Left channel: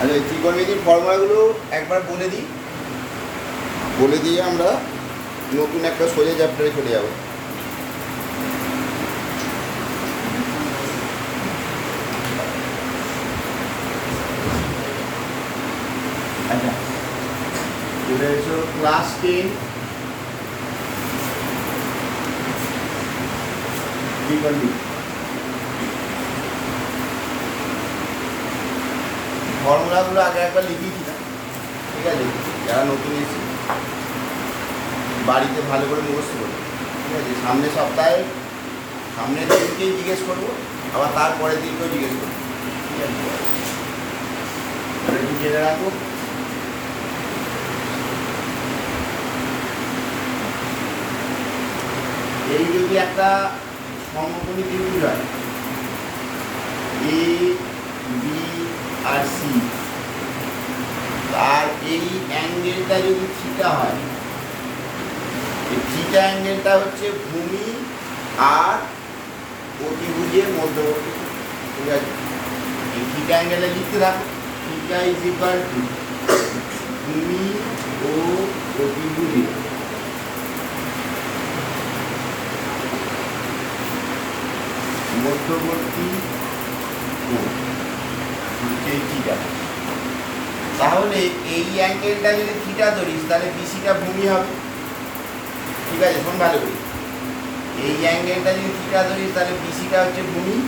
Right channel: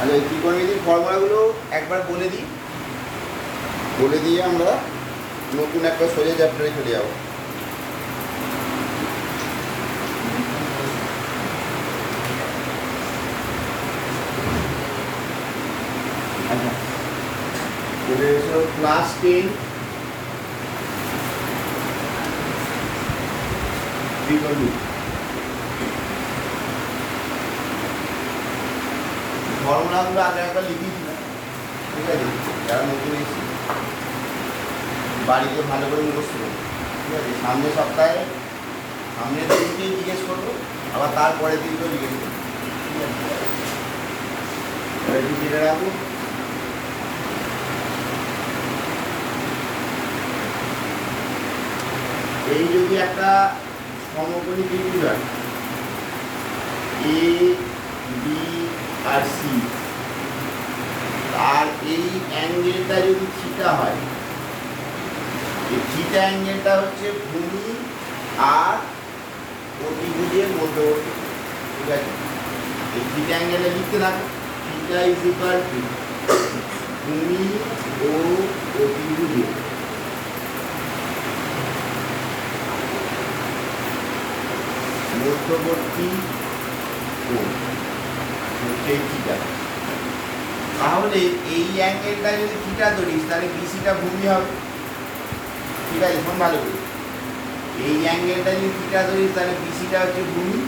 আচ্ছা, ত্রিকোণমিতির ফর্মুলাগুলো একবার বলে দিয়ে আমরা নতুন একটা সোজা চ্যাপ্টারে চলে যাব। আচ্ছা, চলে এসো ক্লাস 10 ত্রিকোণমিতি। ফর্মুলাগুলো আগে একবার লিখিয়ে দিলাম, ঠিক আছে? যারা নতুন এসেছি বাড়িতে ভালো করে মুখস্থ করবো, ঠিক আছে? সামনের সপ্তাহে সামনের দিনকেই জিজ্ঞেস করবো, আবার তারপরের দিনকেও জিজ্ঞেস করবো, ঠিক আছে? একটু জেনে রাখবো। এই যদি একটা সমকোণী ত্রিভুজ এ বি আর সি, আর এই অ্যাঙ্গেলটা যদি থিটা হয়, এই থিটা অ্যাঙ্গেলটা হচ্ছে ভূমি আর অতিভুজের মধ্যবর্তী, ঠিক আছে? এই থিটা অ্যাঙ্গেলে লিখতে থাকো, থিটা ইজ ইকুয়াল টু ভূমি ও অতিভুজের মধ্যবর্তী কোণ হচ্ছে থিটা। তাহলে এই অ্যাঙ্গেলটা যদি থিটা ধরিস তাহলে বিসিটা ভূমি হবে, ঠিক আছে? শোন ভালো করে, এই অ্যাঙ্গেলটা যদি থিটা ধরিস তাহলে বিসিটা হচ্ছে ভূমি,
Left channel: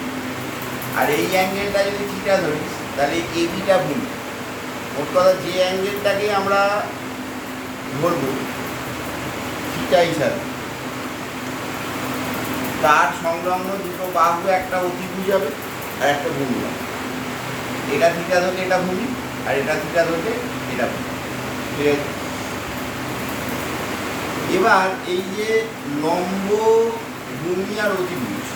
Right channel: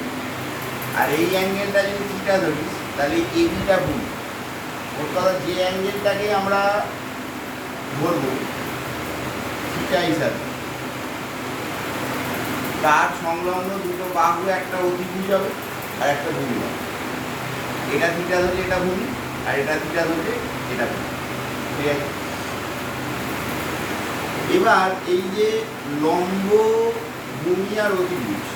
আর এই অ্যাঙ্গেলটা যদি থিটা ধরিস তাহলে এবিটা ভূমি। ওর কথা, যে অ্যাঙ্গেলটাকে আমরা ধরবো থিটা হিসাবে, তার সংলগ্ন দুটো বাহু একটা অতিভুজ হবে আর একটা ভূমি হবে। এটা থিটা ধরলে এটা ভূমি, আর এটা থিটা ধরলে এটা ভূমি, ঠিক আছে? এবার এই যে লম্ব ভূমি আর অতিভুজ,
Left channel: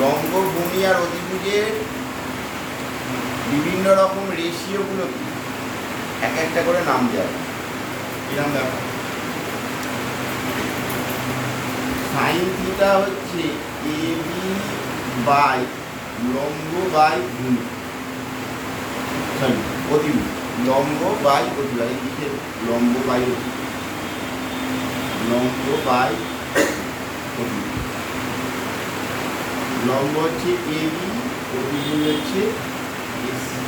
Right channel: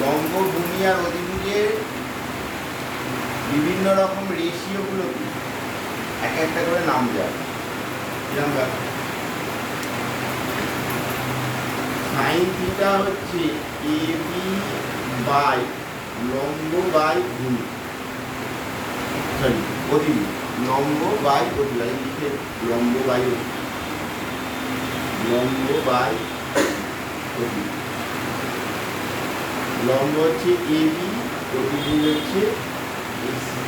লম্ব ভূমি আর অতিভুজের বিভিন্ন রকম রেশিওগুলো কি এক একটা করে নাম দেওয়া। কিরকম ব্যাপার? সাইন থিটা হচ্ছে এ বি বাই লম্ব বাই ভূমি, সরি অতিভুজ, লম্ব বাই অতিভুজ, লিখে লম্ব বাই অতিভুজ, লম্ব বাই অতিভুজ। লম্ব হচ্ছে এ বি, অতিভুজ হচ্ছে এসি।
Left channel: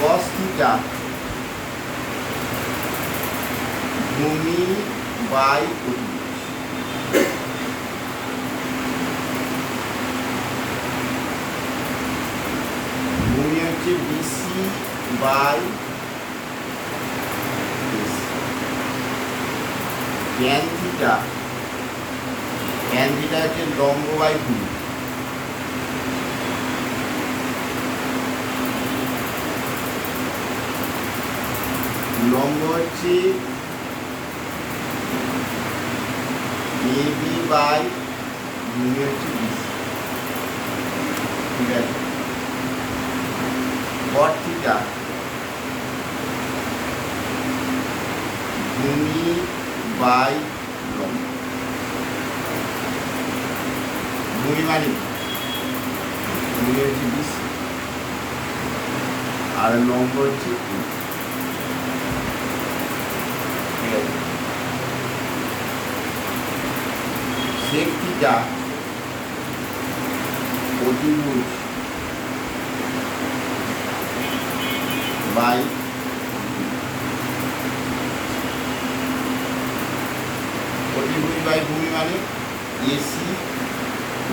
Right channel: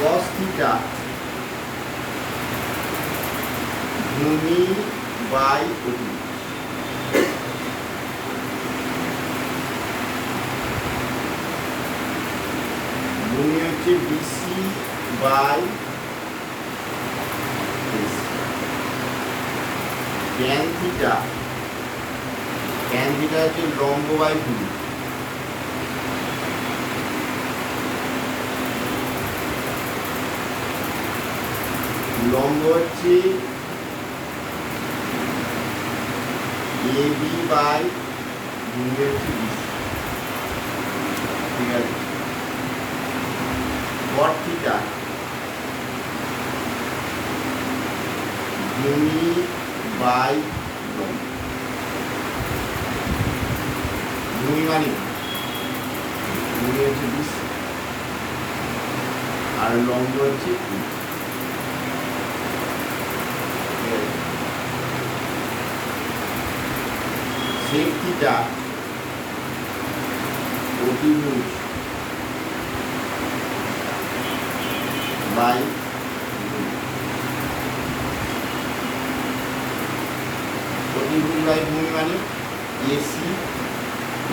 কস থিটা ভূমি বাই অতিভুজ, ভূমি হচ্ছে BC by AC. Tan theta হচ্ছে লম্ব বাই ভূমি, লম্ব হচ্ছে এ বি বাই ভূমি হচ্ছে বিসি, ঠিক আছে? কট থিটা ভূমি বাই লম্ব, ভূমি মানে ভূমি হচ্ছে বিসি আর লম্ব হচ্ছে E, ঠিক আছে? সেক থিটা অতিভুজ বাই অতিভুজ বাই ভূমি মানে এসি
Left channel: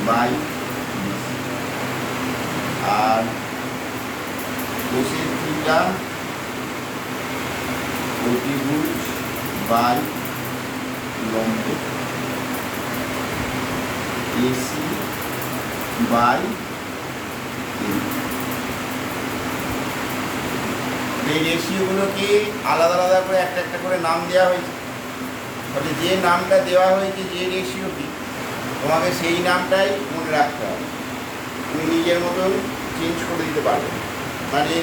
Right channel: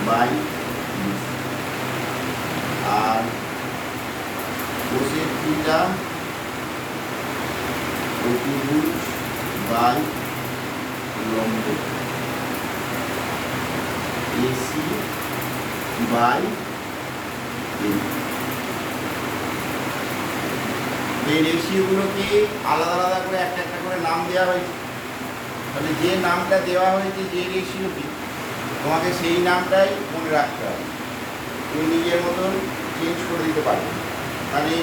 বাই বিসি, আর কোসেক থিটা অতিভুজ বাই লম্ব এসি বাই এই রেশিওগুলোকে আলাদা আলাদা করে একটা একটা করে নাম দেওয়া হয়েছে। তাহলে যে নামটা দেওয়া হয়েছে যে রেশিওটি, তোমাকে সেই নামটাই মনে রাখতে হবে, তুমি নিজের মতন চেঞ্জ করে দিতে পারবে। তাহলে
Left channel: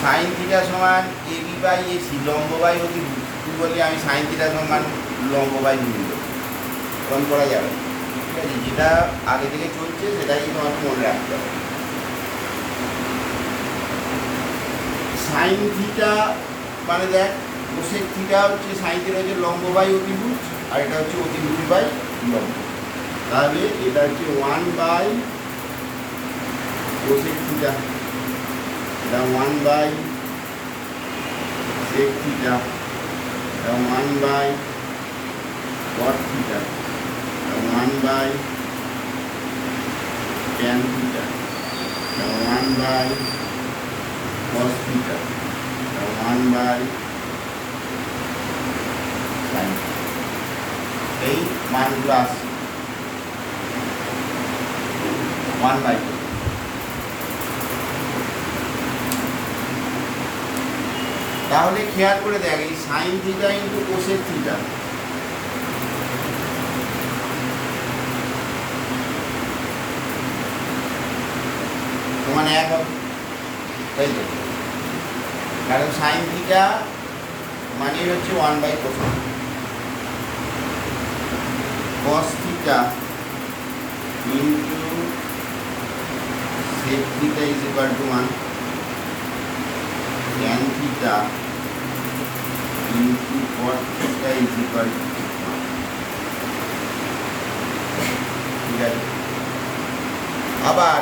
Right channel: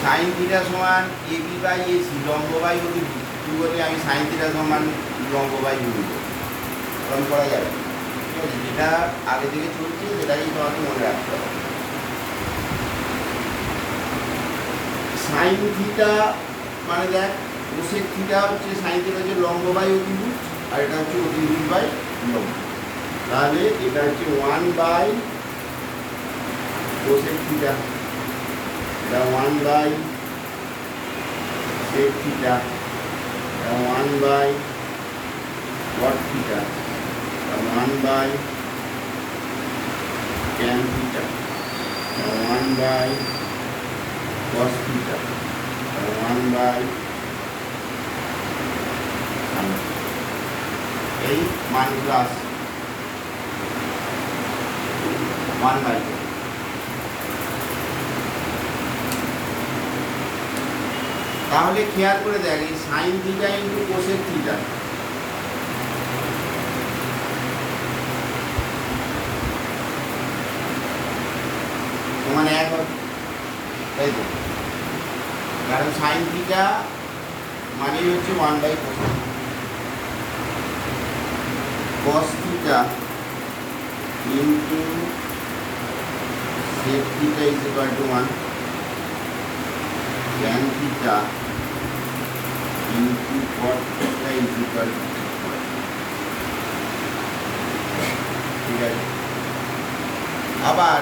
সাইন থিটা সমান এ বি বাই এসি লম্ব বাই অতিভুজ, তুই বলি আমি সাইন থিটা সমান লম্ব বাই ভূমি কম করা যাবে, ঠিক আছে? যেটা আগে থেকে চলছে সেটাই তোমাকে মনে রাখতে হবে। সাইন থিটা মানে দেখ কোসেক থিটা হচ্ছে সাইন থিটা হচ্ছে লম্ব বাই অতিভুজ, আর এটা হচ্ছে অতিভুজ বাই লম্ব। তাহলে এটা হচ্ছে 1 বাই কোসেক থিটা, এটা 1 বাই সেক থিটা, এটা 1 বাই কট থিটা, এটা 1 বাই ট্যান থিটা, এটা 1 বাই কস থিটা, এটা 1 বাই সাইন। এই মানগুলো আসছে 1 বাই। তাহলে খেয়াল করে দেখ এই sine theta into cosec theta, সমান 1 হবে, তাই তো? কারণ সাইন থিটা মানে হচ্ছে 1 by cos, cos theta into sec theta is equal to 1, tan theta into cot theta is equal to, ঠিক আছে? আবার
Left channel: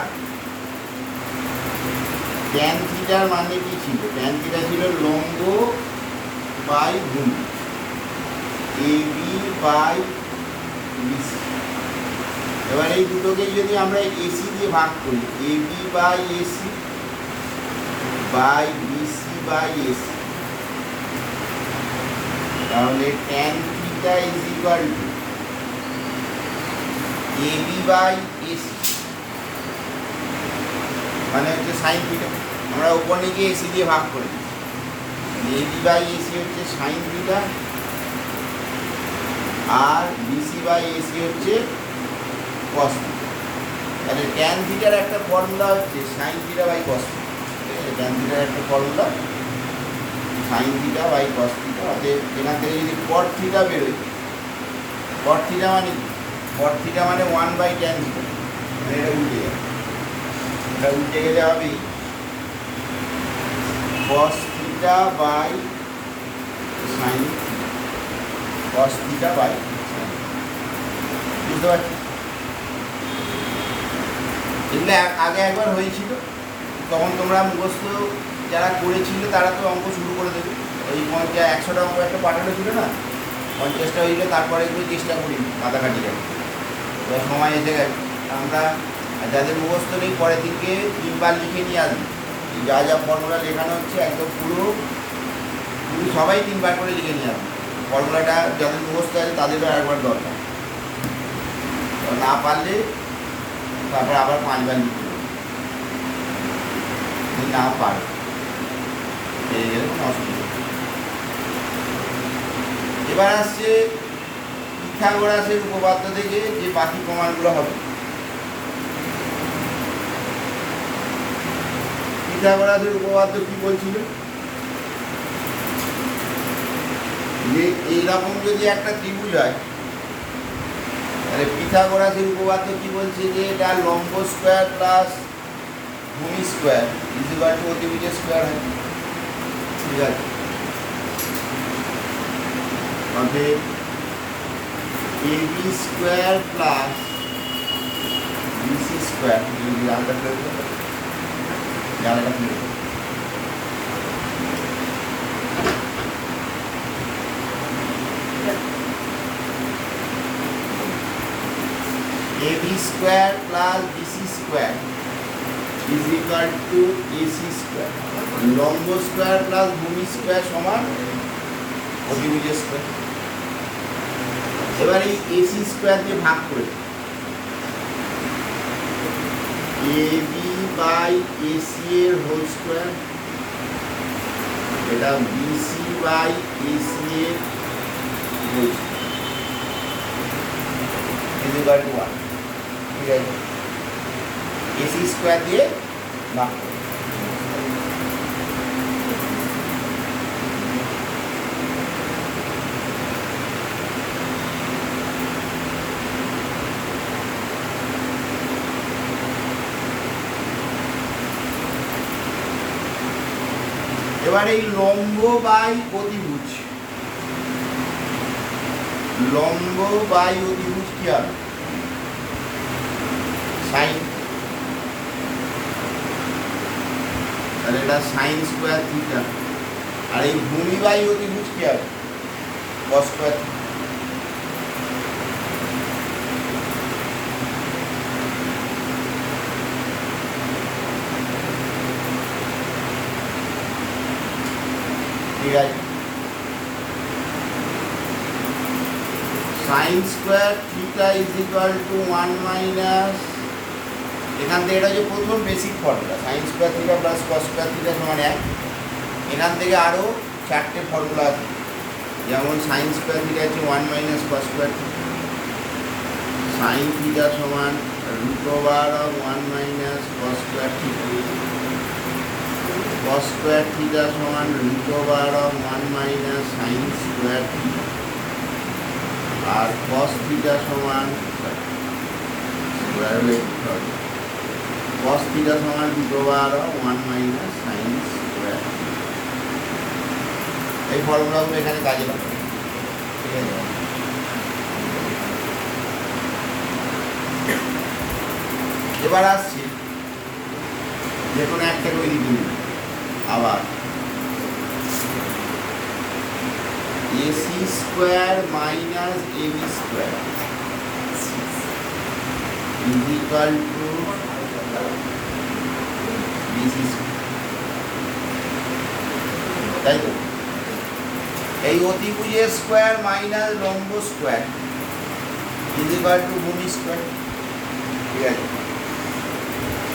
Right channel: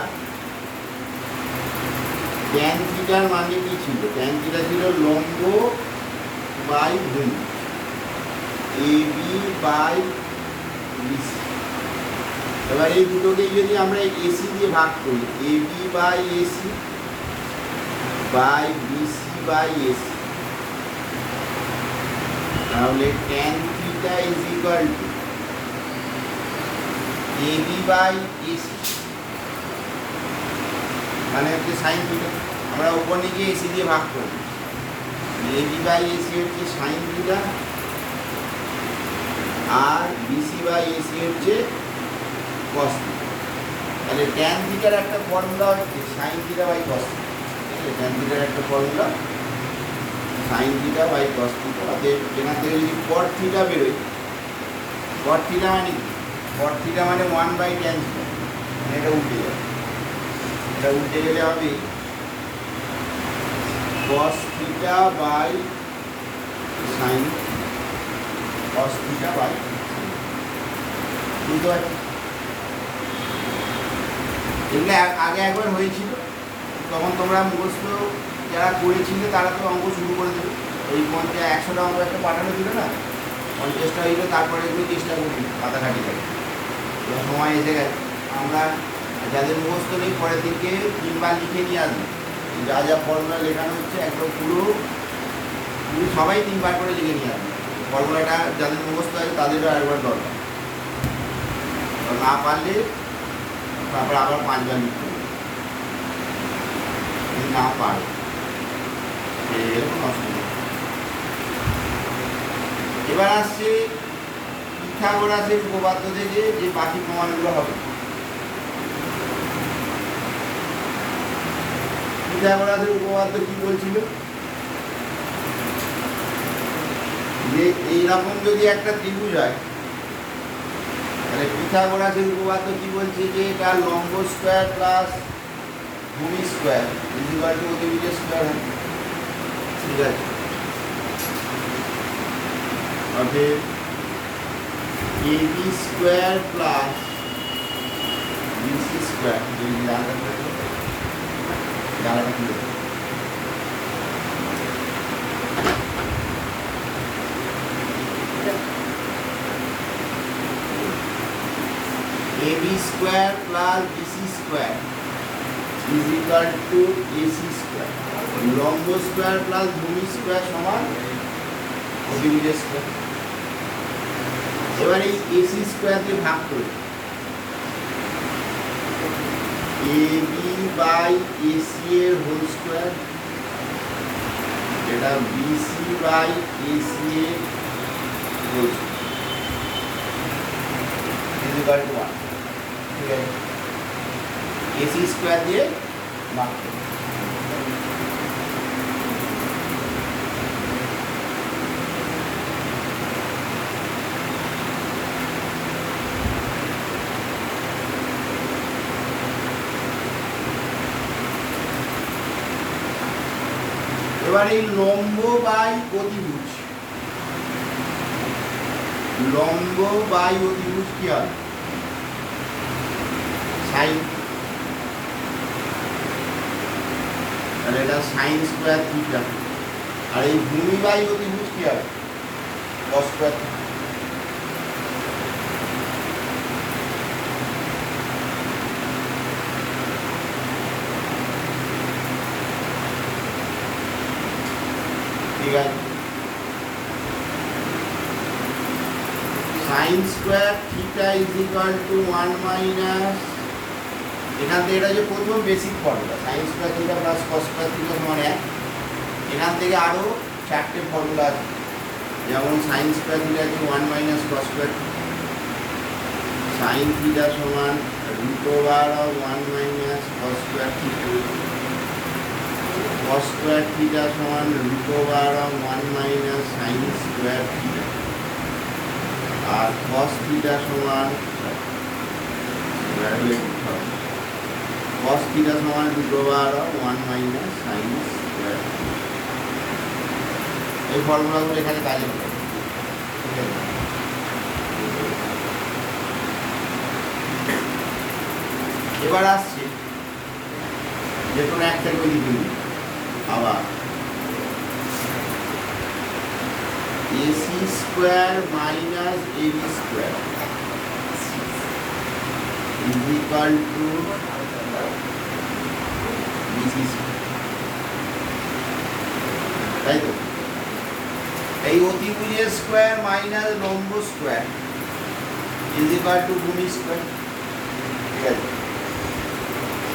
ট্যান থিটার মানে কি ছিল? ট্যান থিটা ছিল লম্ব বাই ভূমি, এবি বাই বিসি। এবার এই দুটোকে যদি আমরা এসি দিয়ে ভাগ করি, AB by AC by BC by AC, তাহলে tan theta is equal to AB by AC মানে হচ্ছে সাইন থিটা। আমরা উপর নিচে এসি দিয়ে ভাগ করি, এবি বাই এসি হচ্ছে সাইন থিটা, আর বিসি বাই এসি হচ্ছে কস থিটা। তাহলে ট্যান থিটার একটা ফর্মুলা হচ্ছে sine theta by cos theta, ঠিক আছে? ট্যান থিটার একটা formula sine theta by cos theta. এখান থেকে যদি কট থিটা বেরোয়, কট থিটা মানে কি? কট থিটা মানে 1 বাই ট্যান থিটা, মানে এটা উল্টে যাবে। এটা উল্টে গেলে হবে cos theta by sine theta, cos theta by, বুঝতে পারছি? এগুলো আগে একবার হয়েছিল, তখন তোমরা মুখস্থ যারা করেছিলে তারা তো অঙ্ক শুরু করে দেবে। এই 100টা অঙ্ক একটা পাঠানো ছিল না, 50টা হইলো, তারপরে একটু চেষ্টা করি মাথা কাটি যাবে, সময় এসে গেছে। আমরা যাদের মুখস্থ নেই পরের দিনকে 3বার লিখে নিয়ে আসবে, যা যা ফর্মুলা লেখানো হচ্ছে একদম পুরো সবাই 3বার করে লিখে নিয়ে আসবে। ফর্মুলাটা যাদের মুখস্থ আছে তাদেরও একবার দরকার, না পারলে তারপরে আবার 5বার লিখতে হবে, না পারে পেয়ে গেলে কোনো অসুবিধা। এবার আসছে পিথাগোরাসের উপপাদ্য থেকে যে বাকি প্রমাণগুলো হবে। পিথাগোরাসের উপপাদ্য কি বলছিল? যে এইরকম যদি একটা ত্রিভুজ হয়, তাহলে পিথাগোরাসের উপপাদ্য কি বলছে? যে এটা লম্ব স্কোয়ার প্লাস ভূমি স্কোয়ার ইজ ইকুয়াল টু অতিভুজের স্কোয়ার হয়, ঠিক আছে? অতএব AB square plus BC square, যদি জানতে পারবো জানাটা কি হবে? AB square plus BC square is equal to AC square, লম্ব স্কোয়ার প্লাস ভূমি স্কোয়ার সমান অতিভুজের স্কোয়ার। এবার এই এসি স্কোয়ার দিয়ে ভাগ করি, এবি বাই এসি এর হোল স্কোয়ার, এটা বিসি বাই এসি এর হোল স্কোয়ার, ঠিক আছে? এসি স্কোয়ার দিয়ে ভাগ করি। এবার এই লম্ব বাই অতিভুজ, লম্ব বাই অতিভুজ কি হবে? সাইন। তাহলে এটা সাইন স্কোয়ার থিটা। আর এই ভূমি বাই অতিভুজ কি হবে? Cos square. ঠিক আছে, sine square theta is equal to 1 minus, এখান থেকে এটা যে প্রথম basic formula sine square theta plus cos square theta সমান 1। এখান থেকে আরও 4টে ফর্মুলা আছে, যেমন সাইন স্কোয়ার থিটা হচ্ছে 1 minus cos square theta, sine theta সমান root over of 1 minus cos square theta, cos square theta সমান root over of 1 minus sin square theta, R cos theta সমান cos theta সমান root over of 1 minus sin square theta। এই ফর্মুলাগুলো এখানে কাজে লাগে। এবার আসছি যে কোনো একটা করে লিখুন আবার AC square minus AB square is equal to BC square, তাই তো? এই অতিভুজের স্কোয়ার মাইনাস লম্ব স্কোয়ার ইজ ইকুয়াল টু ভূমি স্কোয়ার। ঠিক আছে,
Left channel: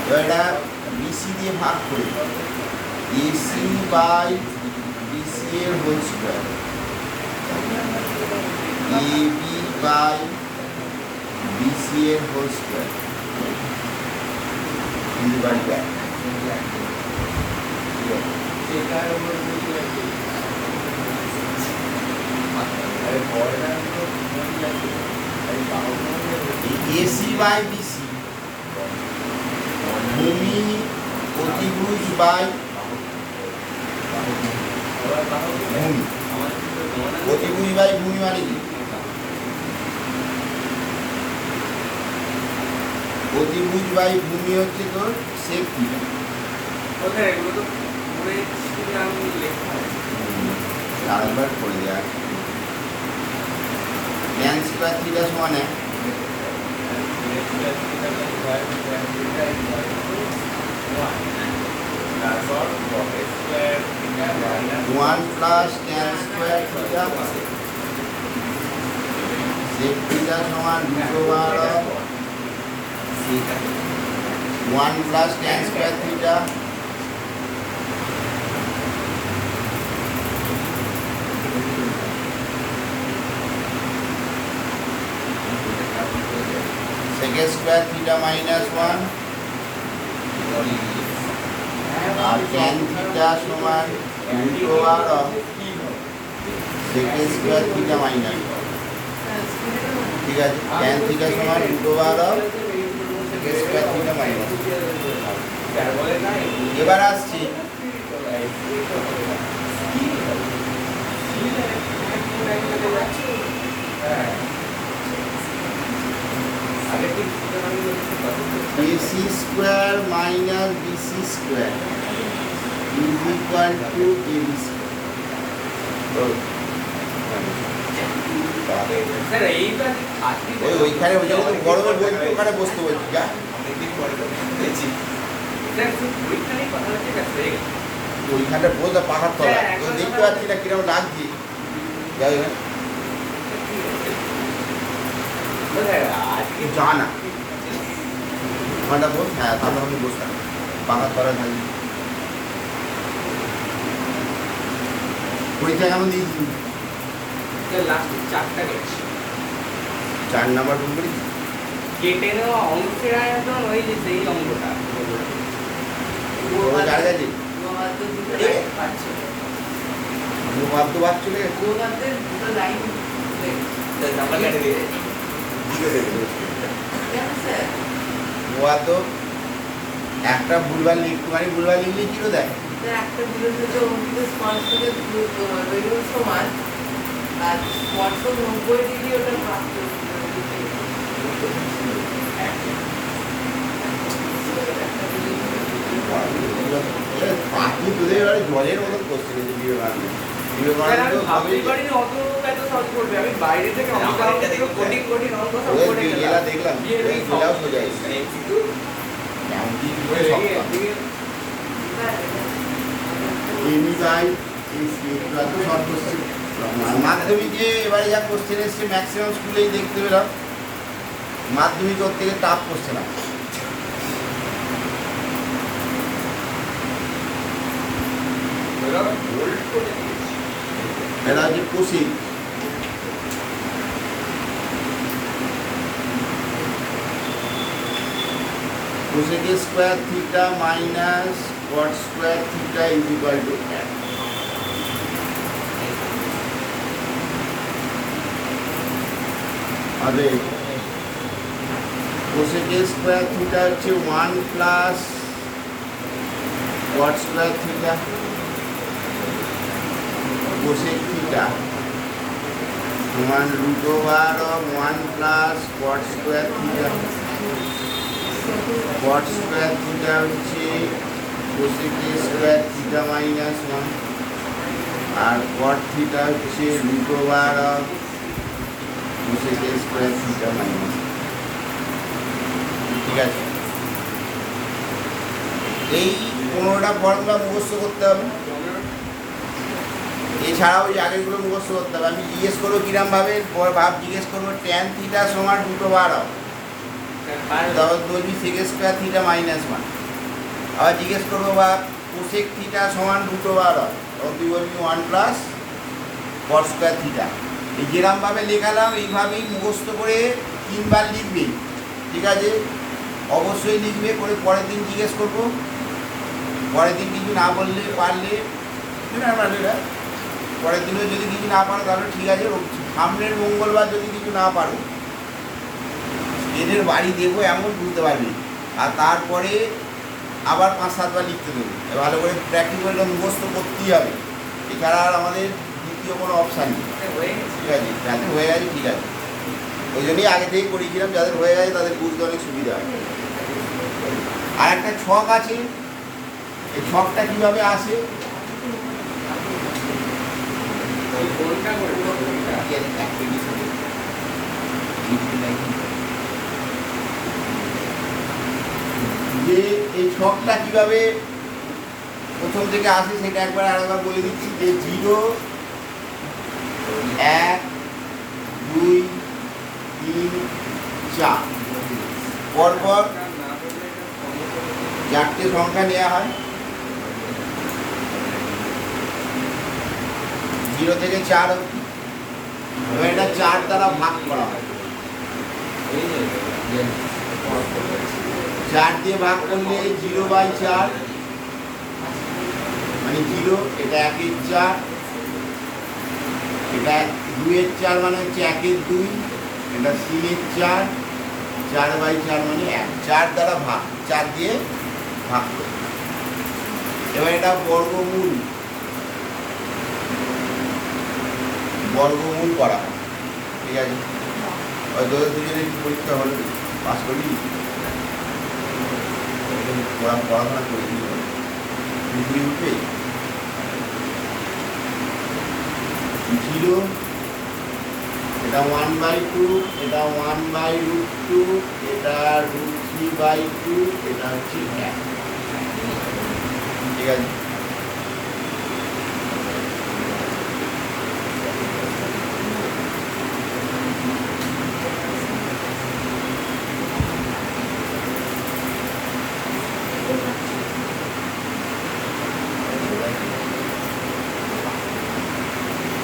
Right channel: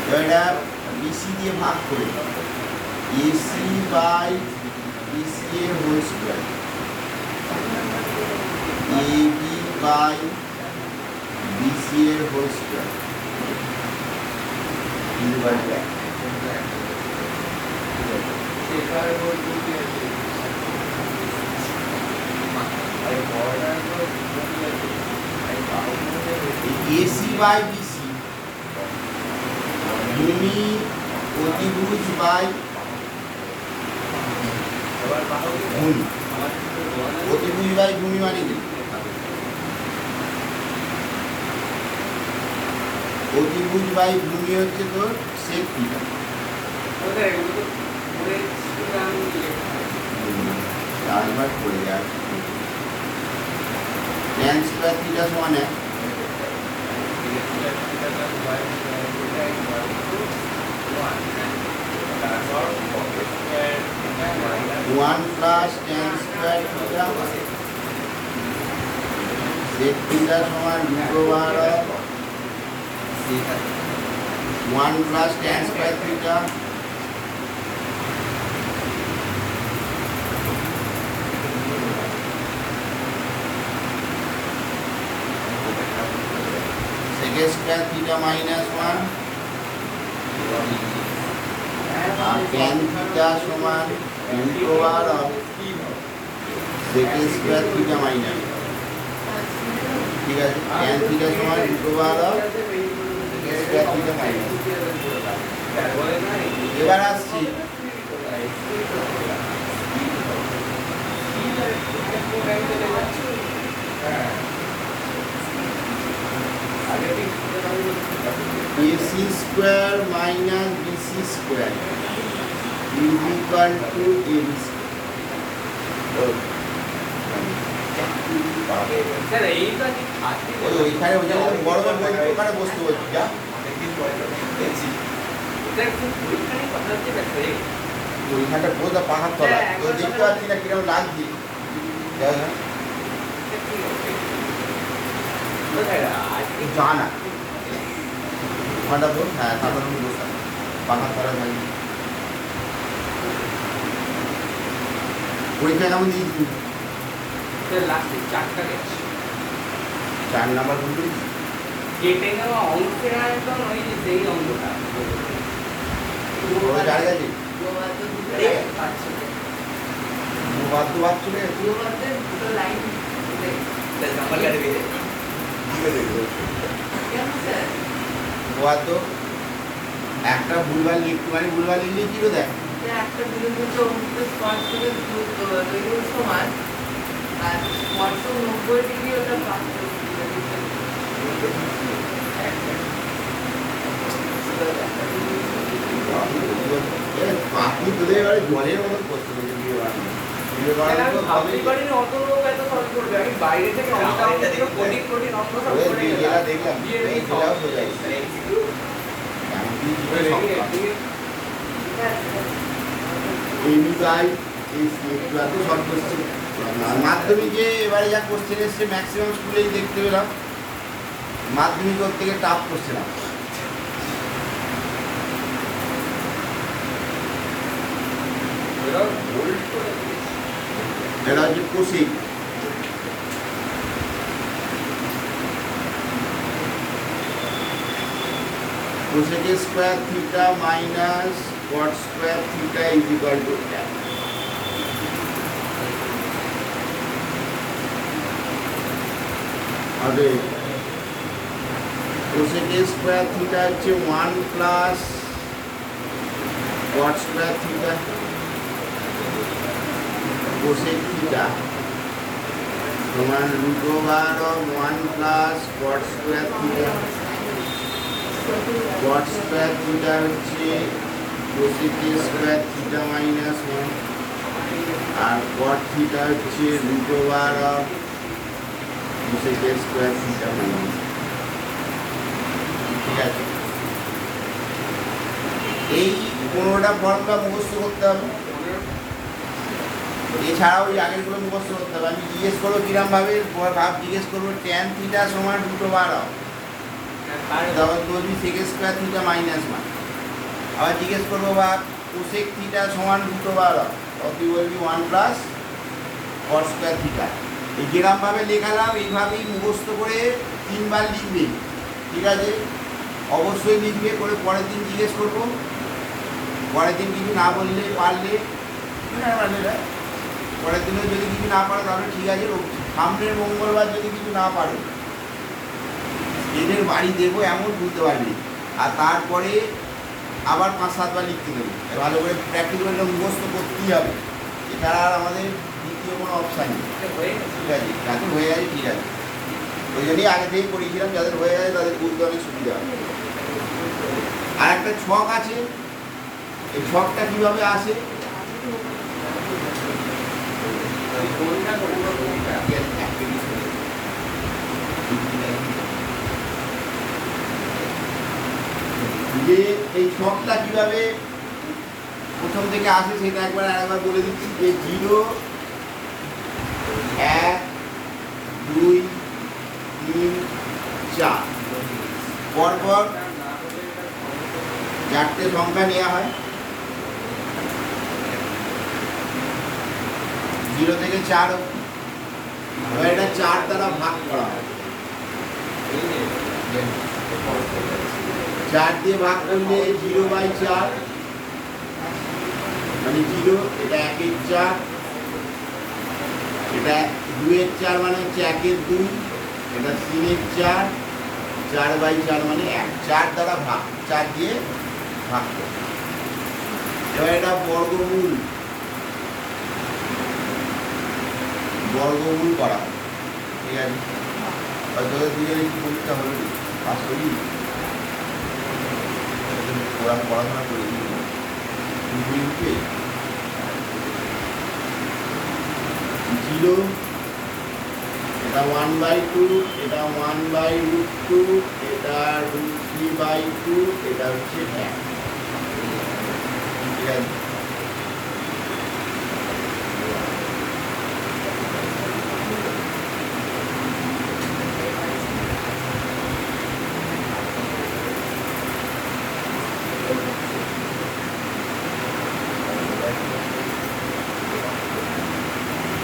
এবার এটা BC দিয়ে ভাগ করি, AC বাই BC এর whole square, AB by BC এর হোল স্কোয়ার ইন্টিগ্রাল করা। AC বাই BC ভূমি অতিভুজ বাই ভূমি, অতিভুজ বাই ভূমি মানে কি? অতিভুজ বাই ভূমি হচ্ছে তোর সেক থিটা। আরেকবার করে দেওয়া ট্যান স্কোয়ার থিটা সমান 1, 1 plus tan square theta sec theta সমান root over of 1 plus tan square theta second square theta minus 1 আর ট্যান থিটা সমান root over of second square theta minus. ঠিক আছে, tan theta সমান root over of second square theta minus. এবার আসছি AC square minus BC square is equal to AB square. ওইখানে ওই জায়গায় বড় বড় ওখানে বসতে বলছি, যা অনেকদিন পরে দেখছি ওইখানটা পুরো পাহাড় তো দেখতে পাচ্ছি না কিরকম লাগছে। যাই জানা ঘন্টা বল, হ্যাঁ তারপর আমি বসে পাহাড় করা থাকি। পরীক্ষা কেমন দিয়েছি? 4 নাম্বার ভুল করেছি। কেটে নেওয়া অঙ্কের আয়তন ওই যে সেই অঙ্কটা একটা ভুলভাল একটুখানি ভুলভাল লিখলে কি দেয়? একটা বিরুদ্ধ অঙ্কিত স্পর্শকের বেলুন সমান আর স্পর্শক 90 ডিগ্রি ওটা ভাগ আপনি তোদের এবারে জলের মতো করছে আমি বাইরে থেকে কোটি কোটি অঙ্ক সব করে দেখলাম মাধ্যমিকে এবারে যা কোশ্চেন এসছে ম্যাক্সিমাম স্কুলেই দেখতে পেলাম মাধ্যমিক ওর থেকে টাফ কোশ্চেন আছে। এটা হচ্ছে কোসেক কোসেকের square theta minus cot square theta is equal to 1। আরে কোসেকের স্কোয়ার থিটা হচ্ছে 1 plus cot square theta cosec theta সমান √1 plus cot square theta. Cot square theta হচ্ছে কোসেকের স্কোয়ার থিটা মাইনাস 1 আর কট থিটা হচ্ছে √1 কোসেকের স্কোয়ার থিটা মাইনাস। ঠিক আছে, এই 15টা ফর্মুলা মুখস্থ করতে হবে, এছাড়াও এই আগেরগুলো মুখস্থ করতে হবে। আমি জিজ্ঞেস করবো কিরম ভাবে ভাব জিজ্ঞেস করবো ট্যান থিটা সমান √12 তখন বলবি সেক স্কোয়ার থিটা মাইনাস 1। আবার জিজ্ঞেস করবো বা কোসেক থিটা সমান √12 তখন তুই বলবি 1 প্লাস কট স্কোয়ার থিটা। এই যেরকম ভাবে লেখালাম এইভাবেই মুখস্থ করে 3 বার লিখবে। ঠিক আছে, অবশ্যই লিখবে করে পরের দিন জিজ্ঞেস করবো, পরের দিন কিছু না বললে পারলে না পরের দিনে যদি কিছু না পারে তাহলে ঠিক আছে, সামনের মঙ্গলবার যদি কিছু না পারো এদের বাড়ি দেবো এমন বুঝতে পারবি, আর তারপরে আবার 5-7 বার লিখতে দেবো। ভালো করে প্র্যাকটিক্যালটা মুখস্থ করতেই হবে, এছাড়া আর আমাদের দ্বিতীয় কোনো অপশান নেই। ঠিক আছে, যাদের হয়ে গেছে ঠিক আছে, ওই জন্যই আগে থেকেই করেছিলাম, যাদের হয়ে গেছে তাদের বুঝতে অনেক সুবিধা হবে। আর একটা ছক আছে, এই ছকটা কীভাবে আসে যে এই ছকটা কিভাবে প্রথম থেকে আসে সেটা একবার আরেকবার বলে দিচ্ছি যে 0 1 2 3 4 পরপর 4টে সংখ্যা নেওয়া হয়, 0 থেকে 4 অবধি। এবার এটা 4 দ্বারা ভাগ করা হয়, 4 দিয়ে ভাগ করলে 0/4 মানে 0, এটা 1-এর 4, এটা 2-এর 4 মানে হচ্ছে 1-এর 2, এটা 3-এর 4, 4/4 মানে 1। 4 দ্বারা ভাগ, 4 দিয়ে ভাগ করে। এবার এটা বর্গমূল করা হয়। ঠিক আছে, তোদের দিকে পরীক্ষা হবে পাস করলি পড়াশোনা করে উঠে 0, এটা 1/2, এটা 1/√2, এটা √3/2, এটা হচ্ছে 1। ঠিক আছে,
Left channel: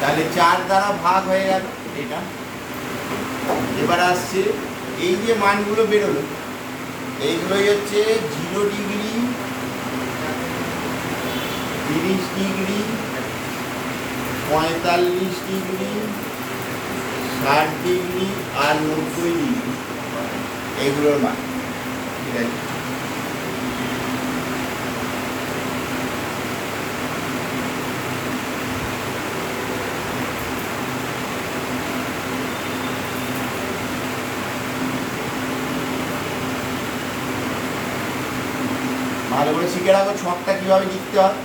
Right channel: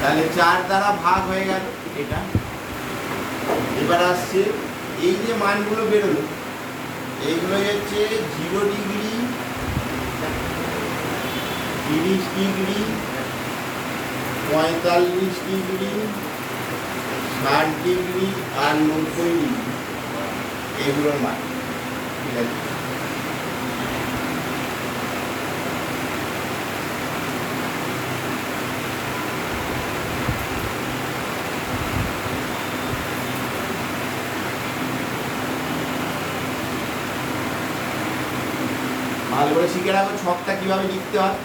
তাহলে 4 দ্বারা ভাগ হয়ে গেল এটা। এবার আসছে এই যে মানগুলো বেরোলো, এইগুলো হচ্ছে 0 ডিগ্রি, 30 ডিগ্রি, 45 ডিগ্রি, 60 ডিগ্রি আর 90 ডিগ্রি, এগুলোর মান। ঠিক আছে, ভালো করে শিখে রাখো ছকটা কীভাবে লিখতে হয়।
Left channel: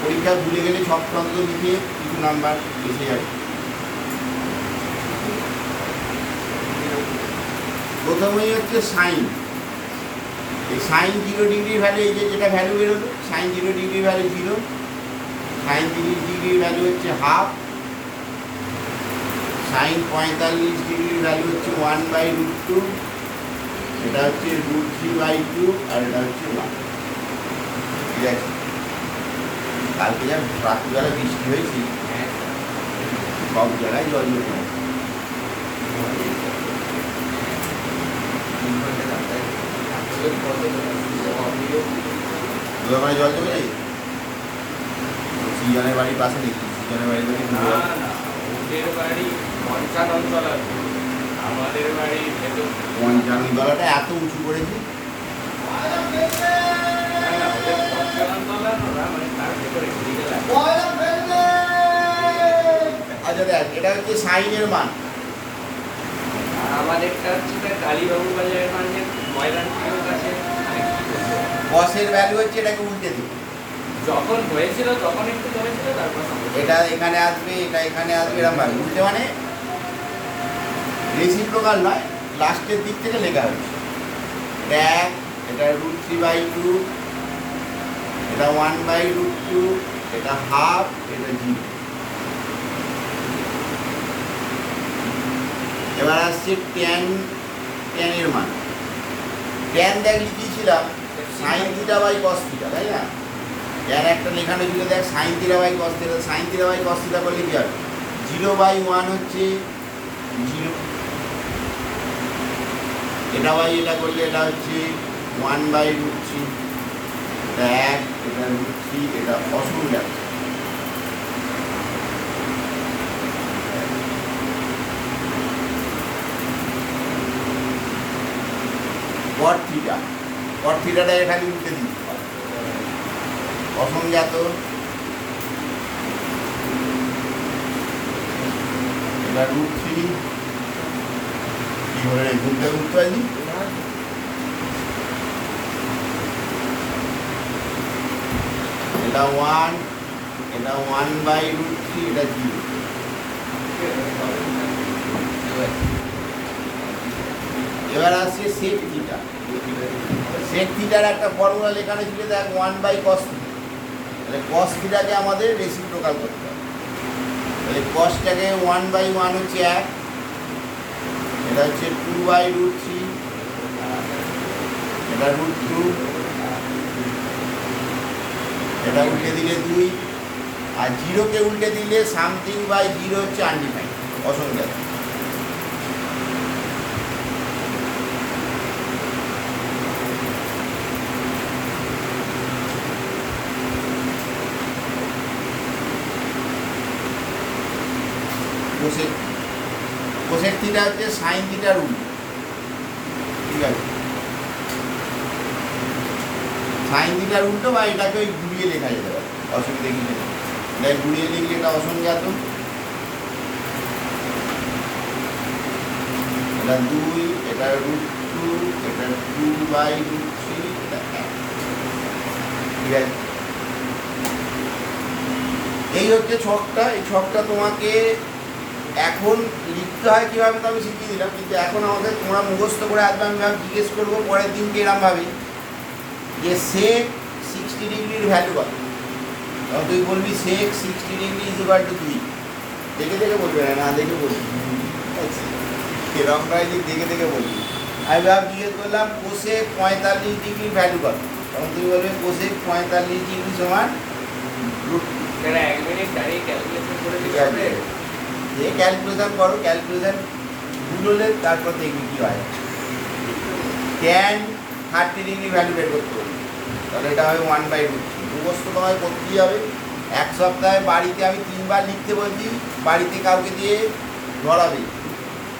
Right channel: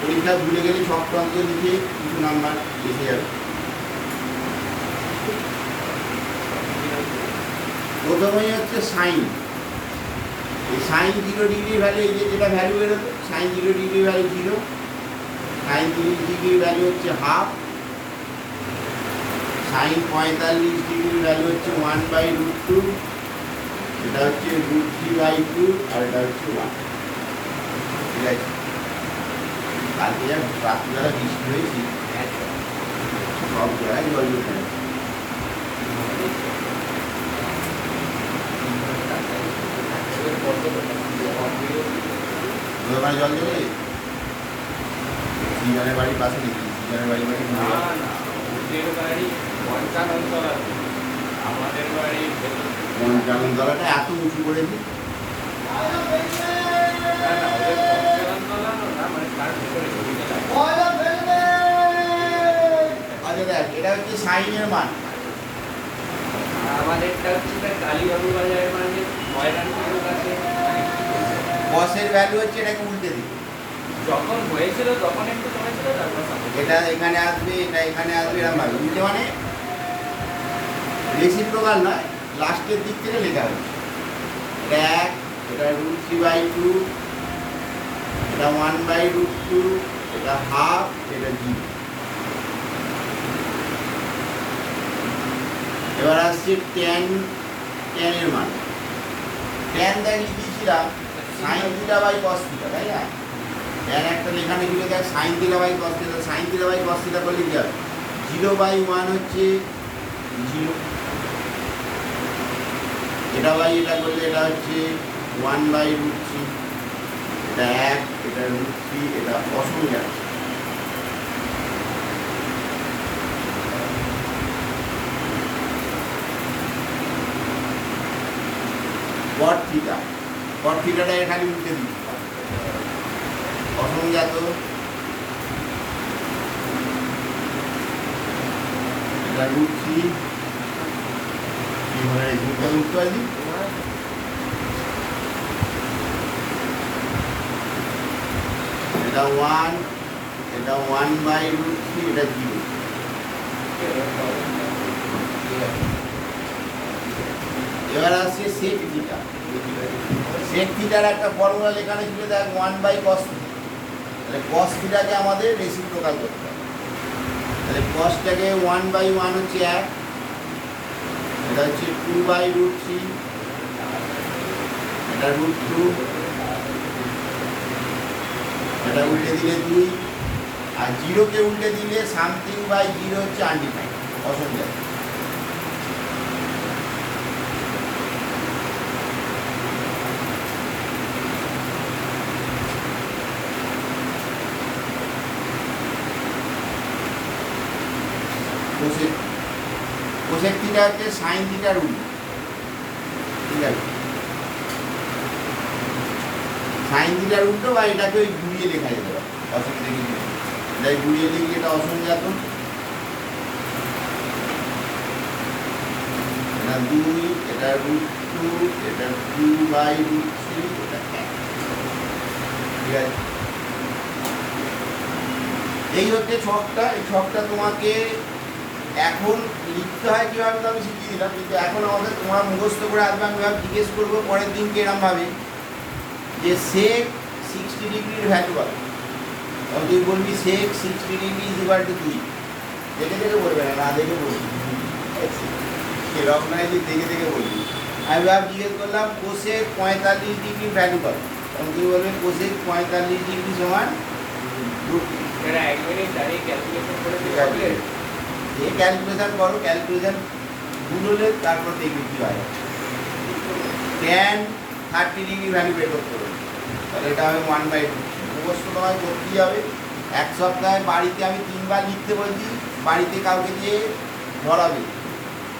পরীক্ষা ভুলে গেলে ছকটা অন্তত লিখে কিছু নাম্বার এসে যাবে। প্রথমেই হচ্ছে সাইন। এই সাইন 0 ডিগ্রি ভ্যালু, এই যে যেটা ভ্যালু বেরোবে sine 0 degree value 0, sine 30 degree value হচ্ছে হাফ, সাইন 45 ডিগ্রি ভ্যালু হচ্ছে 1/√2, এটা হচ্ছে √3/2, আর এটা হচ্ছে 1। ঠিক আছে, কালকে যা রাত্রিবেলা বৃষ্টি হয়েছে সব জায়গায় জল উঠে গেছে। মানে জল জমে যায় সৃজনের বাড়ির পাশে নাকি? সৃজনের বাড়ির থেকে না না, ওদের বাড়ি পঞ্চানন আছে, আমাদের বাড়ি পঞ্চানন তলাটা এত উঁচু করেছে। না না, ওদের পঞ্চানন তলা না, মানে তার ভিতরে আচ্ছা দেখ, এটা হচ্ছে সাইনের মান। আমাদেরটা হচ্ছে কালীবাবু বাজারের মানে ময়দানপুরের কাছে। কসের ভ্যালু হচ্ছে এটাকে উল্টে দিই, যখন হয়েছিল তখন একটু জমেছিল, তারপর এটা এখানে আসবে, এটা এখানে আসবে, এরকম ভাবে উল্টে মানে রেসিপ্রোকাল নয়, লাস্টের দিক থেকে লেখা হচ্ছে। এটা 1, এটা √3/2, এটা 1/√2, এটা হাফ, এটা 0। এবার আসছে ট্যান, ট্যানের মান। ট্যান দেখ লিখিয়েছিলাম sine theta by cos theta, তাই না? ট্যান একটা লেখানো ছিল দেখ sine theta by cos theta, sine theta by cos theta করলে কি হবে? 0/1 হচ্ছে 0, এটা বাই এটা করলে এটা হচ্ছে 1/√3, এটা 1, এটা √3, এটা অসংখ্য। কট থিটা, কট থিটাটা এখানে উঠে দিই অসংজ্ঞাত, এটা √3, ঘুরতে ঘুরতে পারি, এটা 1, এটা 1/√3, এটা 0। এবার আসছে সেক থিটা। সেক থিটার একটা ফর্মুলা লেখানো ছিল দেখ 1/cos থিটা। তাহলে cos থিটাকে আমাদের রেসিপ্রোকাল করতে হবে। তাহলে cosটাকে 1/1 হচ্ছে 1, এটা হচ্ছে 2/√3, এটা √2, এটা উল্টে দিলে 2, আর 0কে উল্টে দিলে সামথিং বাই 0 হচ্ছে আনডিফাইন্ড, অসংখ্যাত। কোসেক থিটা হচ্ছে সাইন থিটার উল্টো। ঠিক আছে, সাইন থিটার উল্টো, বা এটাকে ওই ঘুরিয়ে লেখা যেতে পারে, অসুবিধা কিছু নেই। তাই ঘুরিয়ে লিখলে এটা অসংজ্ঞাত, এটা 2, এটা √2, এটা 2/√3, এটা 1। ঠিক আছে, এই হচ্ছে ছকটা। এই ছকটা তোমাকে এখন লিখতে হয় কীভাবে তো আমি শিখিয়ে দিলাম, কিন্তু এখন আমাদের তোমরা মুখস্থ করে আসবে। আমি জিজ্ঞেস করবো পরের দিনকে এরমভাবে যে সেক 60 ডিগ্রির ভ্যালু কত, তখন তুই বলবি সেক 60 ডিগ্রি = 2। দেখে দেখে বলবে না, না দেখে বলবি, এরকম নয় যে দেখে দেখে বলবি। আমি জিজ্ঞেস করলাম কোসেক 45 ডিগ্রির ভ্যালু কত, তখন তুই বলবে কোসেক 45 ডিগ্রি সমান √2। 1 মিনিট দাঁড়িয়ে ক্যালকুলেশন করে দিতে হবে। যে ক্যালকুলেশন করো, ক্যালকুলেশন ভুল হলে তারপর দেখবি কী হয়। ট্যান 30 ডিগ্রি ভ্যালু বের করতে হবে, তাহলে এটা হবে 1/√3। মুখস্থ তোমায় করতেই হবে। এক সপ্তাহে বাড়িতে আমি 3 বার লিখতে বলছি, বাড়িতে কাউকে দিয়ে ধরাবে।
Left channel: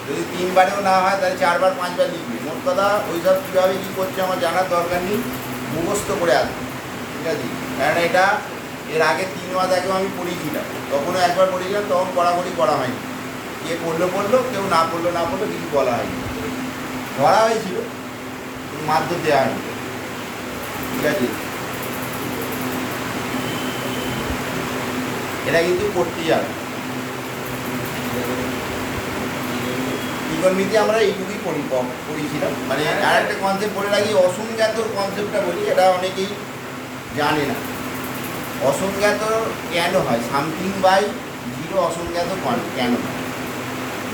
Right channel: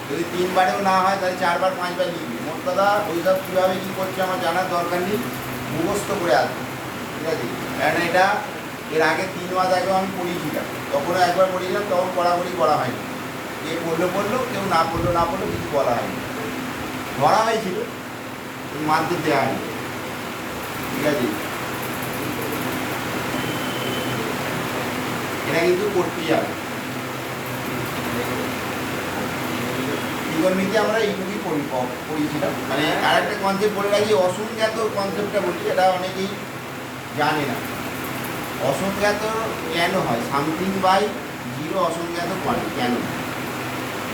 যদি 3 বারেও না হয় তাহলে 4 বার 5 বার লিখবি। মোট কথা ওইসব কীভাবে কী করছে আমার জানার দরকার নেই, মুখস্থ করে আসবে। ঠিক আছে, কারণ এটা এর আগে 3 মাস আগেও আমি পড়িয়েছিলাম, তখনও একবার পড়িয়েছিলাম, তখন পড়াপড়ি করা হয়নি। কে পড়লো পড়লো, কেউ না পড়লো না পড়লো, কিছু বলা হয়নি। ধরা হয়েছিল, মারধর দেওয়া হয়নি। ঠিক আছে, এটা কিন্তু করতেই হবে। ত্রিকোণমিতিতে আমরা এইটুকুই পড়িয়েছিলাম। মানে আর একটা কনসেপ্ট বলে রাখি, অসংজ্ঞাত কনসেপ্টটা বলি, এটা অনেকেই জানে না। অসংজ্ঞাত কেন হয়? সামথিং বাই জিরো অসংজ্ঞাত কেন?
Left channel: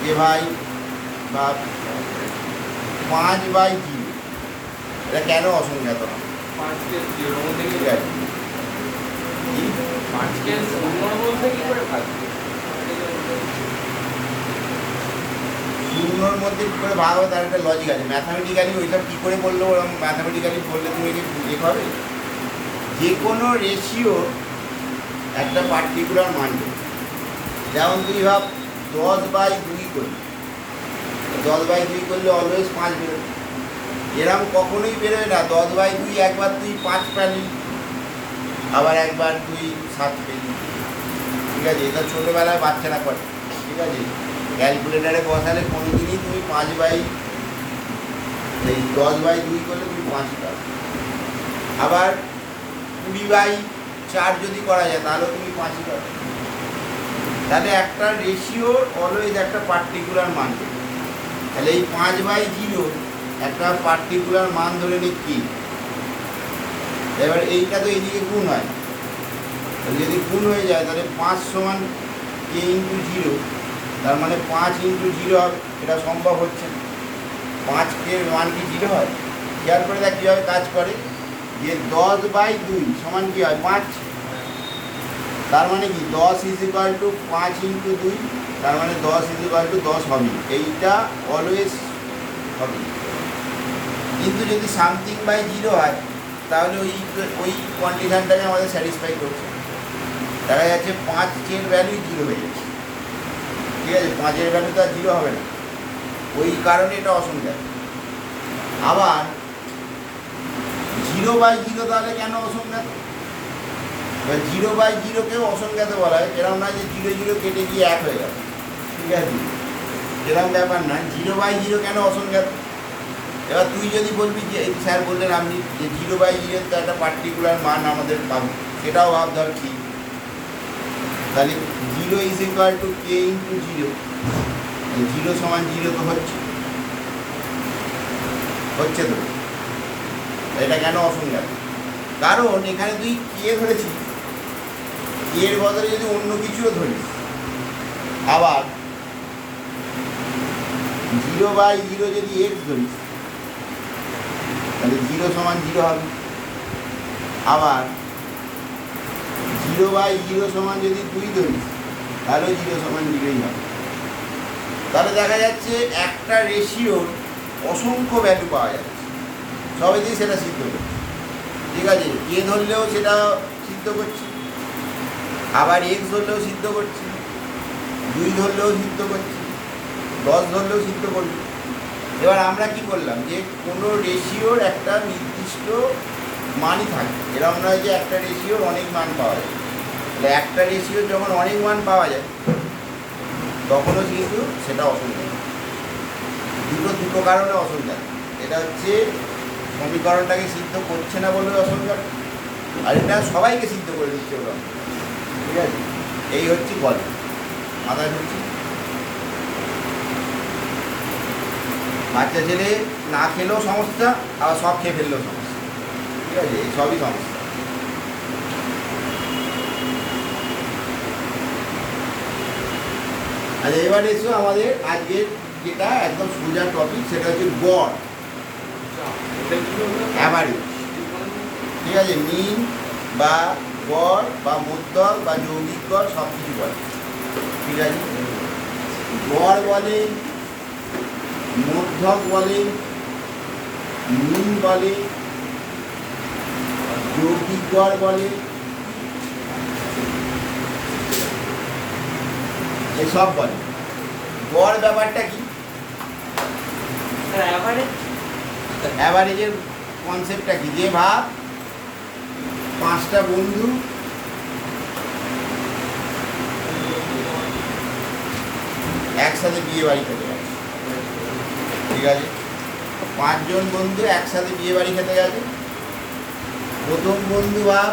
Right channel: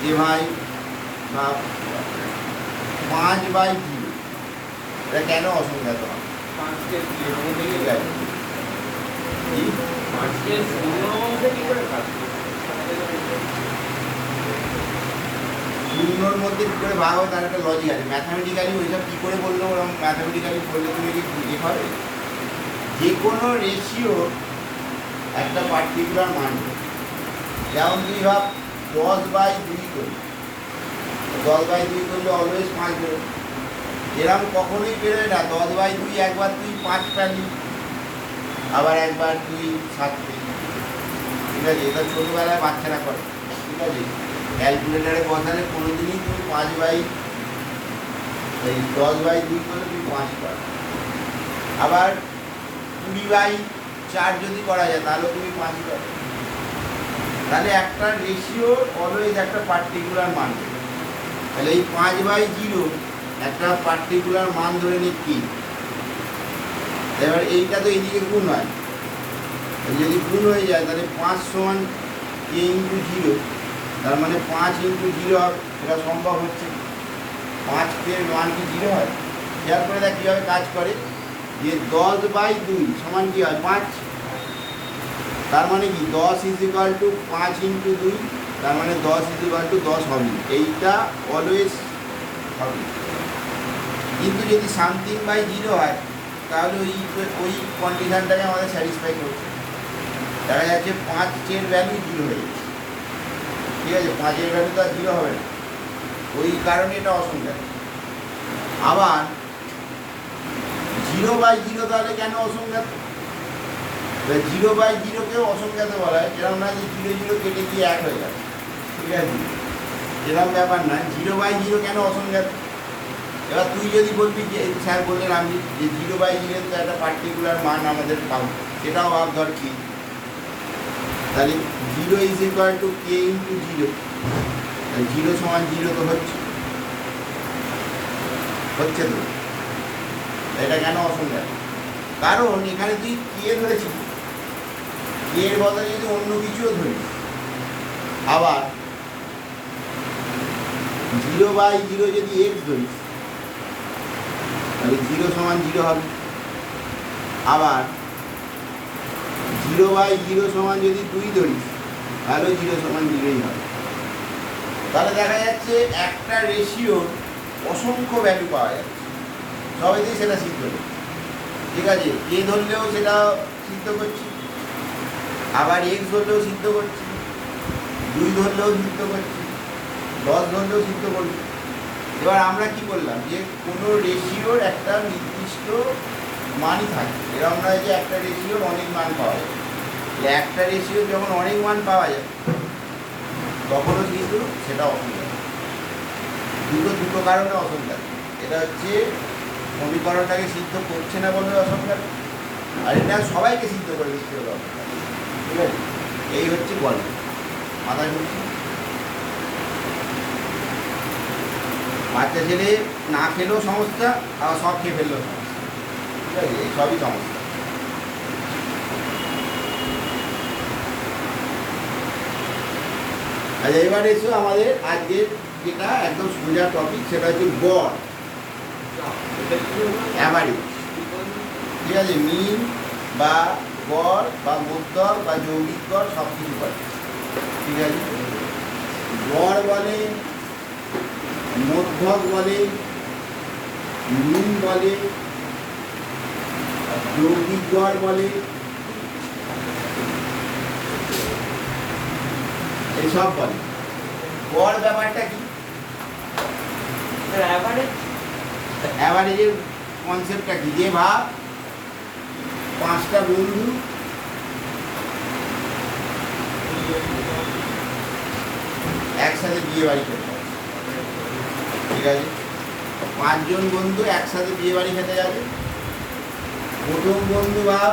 যে ভাই বা 5/0 এটা কেন অসংজ্ঞাত হয়? 5 কে জিরোর মধ্যে কি ঠিক আছে, কি 5 কে শূন্যর মধ্যে কি করে ভাগ? শূন্যর মধ্যে কী করে ভাগ হবে তার একটা লজিক আছে। ম্যাথামেটিক্যালি ওইসব কী করে বললো, ওরকম ম্যাথামেটিক্যালি বললে তুমি কি বুঝে হবে? যে কোনো রেশিও একটা পার্টিকুলার মান দেবে। যেমন তুই ভাব 10/2 করি, 10/2 করলে অলওয়েজ 5 বেরোবে। এরকম কখনোই বেরোয় না 10/2 একবার তুই 5 পেলি, আবার একবার তুই 7 পেলি। ঠিক আছে, এটা ছোটোবেলায় বাচ্চারা করে। ঠিক আছে, ক্যালকুলেটারে বসালে কোনো দিনই তুমি 10/2 করলে তুমি 5 পাবে। আবার 20/4 যদি করা যায় তাহলে তুমি 5 পাবে। তাহলে একটা রেশিও অলওয়েজ একটা পার্টিকুলার মান দেবে। তাহলে এই 5/0 একটা পার্টিকুলার মান ধরে নিচ্ছি। এবার এইটা তো এইদিকে গুণ হয়, যদি গুণ হয়ে যায় তাহলে 5 সমান k × 0, তার মানে 5 × 0 হবে। এটা সম্ভব হচ্ছে না। 5 এর মান কি 0 হয়? খেয়াল করে দেখ কীভাবে কাজ করে, যে 10/2 সমান কী হয়? 5। তার মানে কি 10 = 5 × 2, তার মানে 10 = 10 হবে। এইটা অলওয়েজ হবে। কিন্তু যদি সামথিং বাই 0 হয় তাহলে ওই কন্ডিশনটাকে আমাদের স্যাটিসফাই করছে। দেখা যাচ্ছে 5 এর ভ্যালু 0 হয়ে যাচ্ছে। ঠিক আছে, 5 এর ভ্যালু তো আর 0 হবে না, ওই কারণে এটা অসংজ্ঞাত। আবার 0/0 তাহলে কেন অসংজ্ঞাত? 0/0কেও অসংজ্ঞাত বলা হয়। এরকম না যে 0 কেটে গিয়ে 1 হয়ে যাবে। ঠিক আছে, এরকম ব্যাপার না। 0/0 কেন অসংজ্ঞাত? এবার তুই যদি বলবি যে স্যার বললেন আপনি যে 0/0 তো একটা পার্টিকুলার মান আমাদের পাবো, সেটাও ভাব ধর কি, তাহলে 0 = k × 0, 0 সমান 0 তো হচ্ছে তো। এটা কেন অসংজ্ঞাত? কারণ এখানে তুই কে ধরেছিস, এর বদলে যদি অন্য কিছুও ধরিস, আবার 0/0 যদি x ধরিস তাহলে 0 সমান 0 হবে। আবার 0/0 সমান যদি 2 ধরিস তাহলে 0 সমান 0ই হবে। তাহলে দেখা যাচ্ছে একটা রেশিওর অসংখ্য ভ্যালু পাওয়া যাচ্ছে, সবেতেই সেটা সিদ্ধ করছে। ঠিক আছে, এ ধরলেও সেটা সিদ্ধ করছে, আবার x ধরলেও সিদ্ধ করছে, 2 ধরলেও সিদ্ধ করছে, 10 ধরলেও সিদ্ধ করছে। এবার আমরা কি বললাম যে কোনো রেশিওর একটা নির্দিষ্ট মানই থাকে। এরকম নয় যে একটা রেশিওর অনেক মান পাওয়া যায়। তাহলে একটা রেশিওর যখন অনেক মান পাওয়া যায় তখনও কিন্তু সেটা অসংখ্য। দুটো কারণে অসংখ্য। এটা হচ্ছে সমীকরণটাকে সিদ্ধ করছে না বলে অসংখ্য, আর এটা সবাইকে সিদ্ধ করে দিচ্ছে বলে। ঠিক আছে, এই হচ্ছে গল্প। মাথায় ঢুকছে? বাচ্চা ছেলে না খেলেও সমস্যা, আবার সব খেয়ে ফেললেও সমস্যা। ঠিক আছে, এই সবই সমস্যা। আচ্ছা, এবারে এসো আমাদের আজকের যেটা একদম সোজা টপিক, সেটা হচ্ছে গড়, অ্যাভারেজ। ঠিক আছে, মিন বা গড় বা মধ্যক বা যৌগিক গড় সব কিছু বলে। ঠিক আছে, গড় বলে, মধ্যক বলে, মিন বলে, যৌগিক গড় বলে, এসব বলে। গড় ব্যাপারটা কি? অ্যাভারেজের কনসেপ্টটা কি? যে ভাব 5টা বন্ধু একসাথে বিয়ে বাড়ি খেতে গেছে। ঠিক আছে, 5 জন বন্ধু একসাথে বিয়ে বাড়ি খেতে গেছে। প্রথম বন্ধু ভাব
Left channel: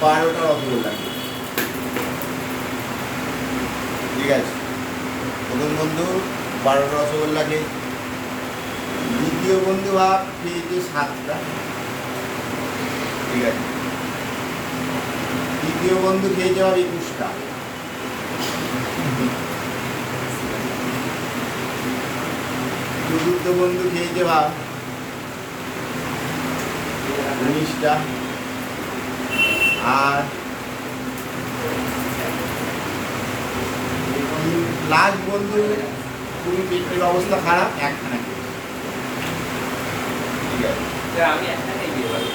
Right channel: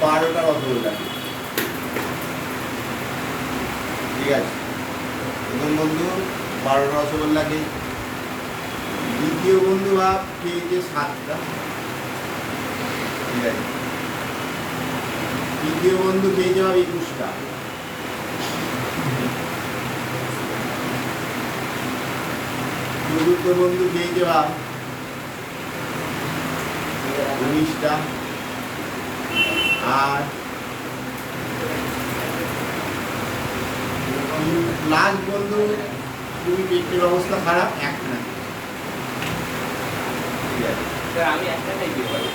12টা রসগোল্লা খেয়েছে। ঠিক আছে, প্রথম বন্ধু 12টা রসগোল্লা খেয়েছে। দ্বিতীয় বন্ধু ভাব খেয়েছে 7টা। ঠিক আছে, তৃতীয় বন্ধু খেয়েছে ভাব 21টা। চতুর্থ বন্ধু খেয়েছে ভাব 19টা। আর লাস্ট বন্ধু খুবই পেটের অবস্থা খারাপ, একখানা খেয়েছে। ঠিক আছে, স্যার, আমি একটা খাই বিয়ে বাড়ি।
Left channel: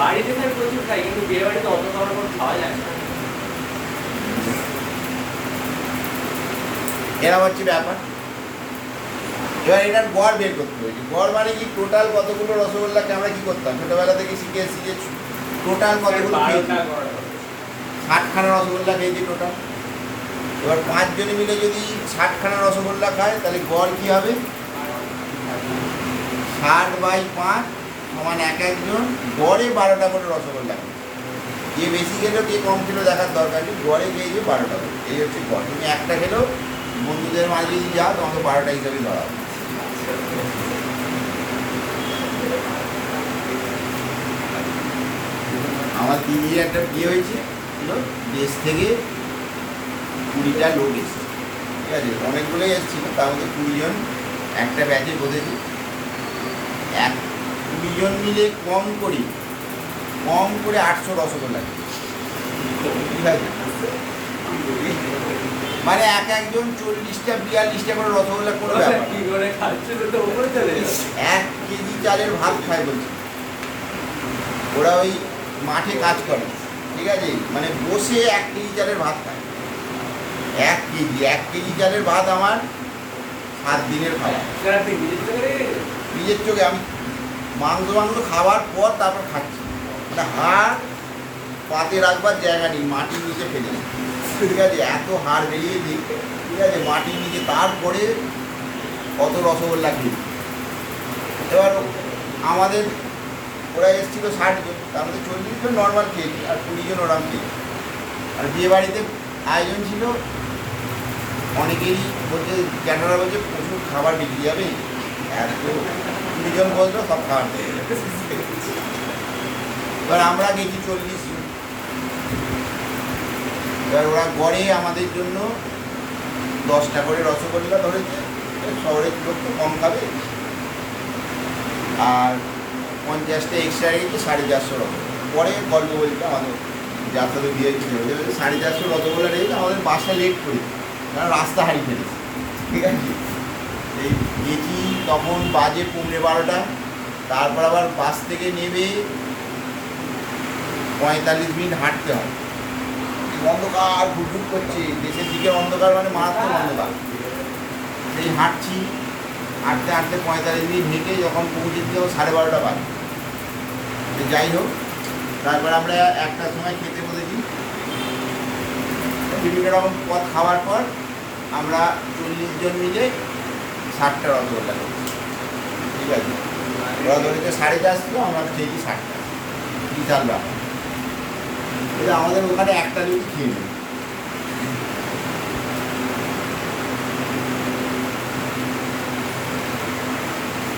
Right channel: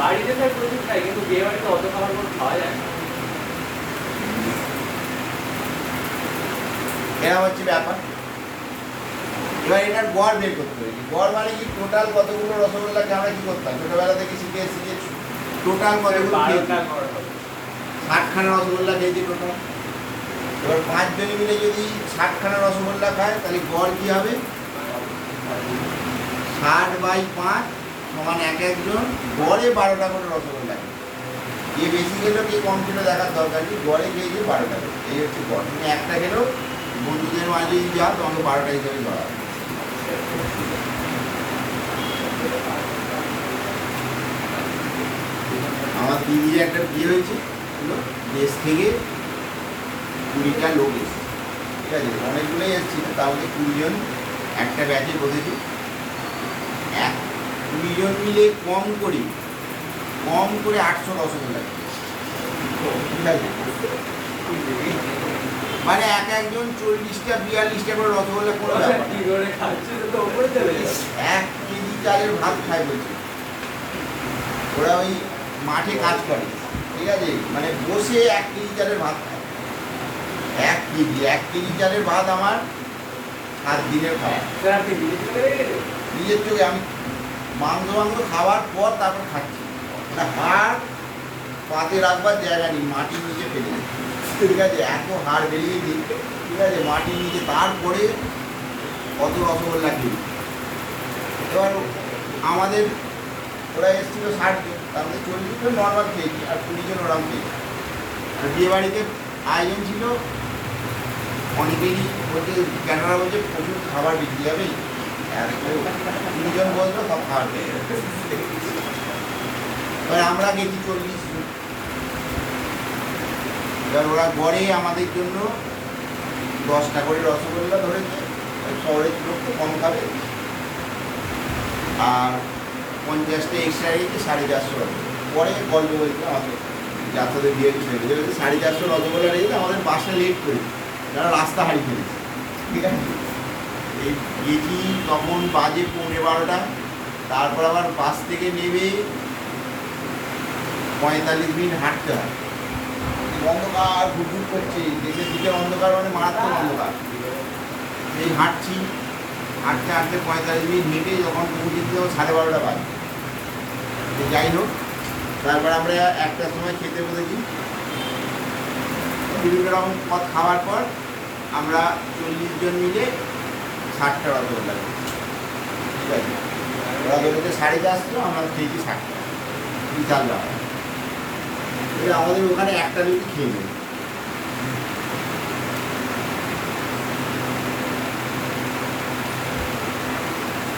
বাড়িতে স্যার প্রচুর খাই, কিন্তু বিয়ে বাড়িতে অত খাবার পর খাওয়া যায় না। এরা হচ্ছে ব্যাপার। এবার এটার গড় বের করতে হবে। গড় মানে কি, টোটাল কতগুলো রসগোল্লাকে আমরা কি করতাম ছোটবেলা থেকে শিখে এসেছি যে টোটাল কতগুলো খেয়েছি। 60খানা রসগোল্লা খেয়েছি টোটাল। এবার 5 জনে মিলে যদি 60খানা রসগোল্লা খায় তাহলে গড় কি হবে, 60/5 সমান এক একজন গড়ে 12টা করে রসগোল্লা খায়। যে বেশি খেলেও কে কম খেলেও দেখার দরকার নেই, গড়ে খেয়েছে 12টা করে। এই হচ্ছে গড়। তুমি একটা খেলেও বন্ধুদের মাঝে যদি যাও তোমাকে 12টা হিসাবেই ধরা হবে। আমার দিদির একটা বিয়ে হয়েছে, দেশ থেকে 20টা লোক এসেছে। ঠিক আছে, অনেকগুলোই এসেছিল, তার মধ্যে 20 জন একটা ব্যাচে বসেছে। 20 জন মিলে কম করে 800 রসগোল্লা খেয়েছে। ঠিক আছে, মানে এক একজন 40টা 42টা করে রসগোল্লা করে কি করে খাচ্ছে তো উপরে চলে যাচ্ছে। 1 কেজি চালের ভাত খায় বলছে। ওরা ওই মাঠে কাজ করে। ঠিক আছে, মানে বসে 1 কেজি চালের ভাত খায়। 1 কেজি চালের ভাত আমার 7 দিনের খাওয়া। স্যার, আপনি নিজের চোখে দেখেছেন? নিজের চোখে আমি মাংস খাওয়ার পর তারপর খাচ্ছি। একটা হাড় পাতে রাখবার জায়গা নেই, মাটির নিচে ফেলে দিই। ঠিক আছে, এত হাড় বেরিয়ে দিই। ঠিক আছে, মাটির নিচে, তারপরে কত রসগোল্লা খেয়েছি। এবার আমাদের ওরা এসেছিল 60 জন, তার মধ্যে 40 জন নর্মাল খেয়েছি আর 20 জন ওরাম খেয়েছি। আর বিয়ে বাড়িতে আয়োজন ছিল অনেকেরই, বলতে ক্যানারা বলছে প্রচুর খাবার বিক্রি যাবে। 20 জন বলতো সব খাবার দেয়। এবার আমরা গেছি 40 জন। এবার ওরা গড়ে আমাদের জন্য 10টা করে রসগোল্লা ধরেছে। শহরের লোক তো কম খাবে, আর 50টা এক্সট্রা গেছে 450 রকম। পরে গল্প বলছে আমাদের যাত্রাদের দিয়ে দিতে 450 রসগোল্লা রেখেছে। আমাদের বাসটা লেট করেছে, কারণ রাস্তা হারিয়ে ফেলেছে। ঠিক আছে, এই গেছি তখন বাজে 12:15। তারপর আবার বাস থেকে নেমে 45 মিনিট হাঁটতে হয়। অন্ধকার ঘুরঘুর করছে, দেশের দিকে অন্ধকার, মানে মারাত্মক অন্ধকার। এই হাঁটছি, হাঁটতে 45 মিনিট হেঁটে যখন পৌঁছেছিল 12:30 বাজে। যাই হোক, তারপর আমরা 1টার সময় খেতে বসেছি। বিভিন্ন রকম পথ খাওয়ার পর আমরা 40 জন মিলে 60টা রসগোল্লা খেয়েছি। ঠিক আছে, ওরা ধরেছে 450, আমরা খেয়েছি 60টা। বিশাল ব্যাপার। আমাদের ওখানে একটা লোকই খেয়ে নেবে।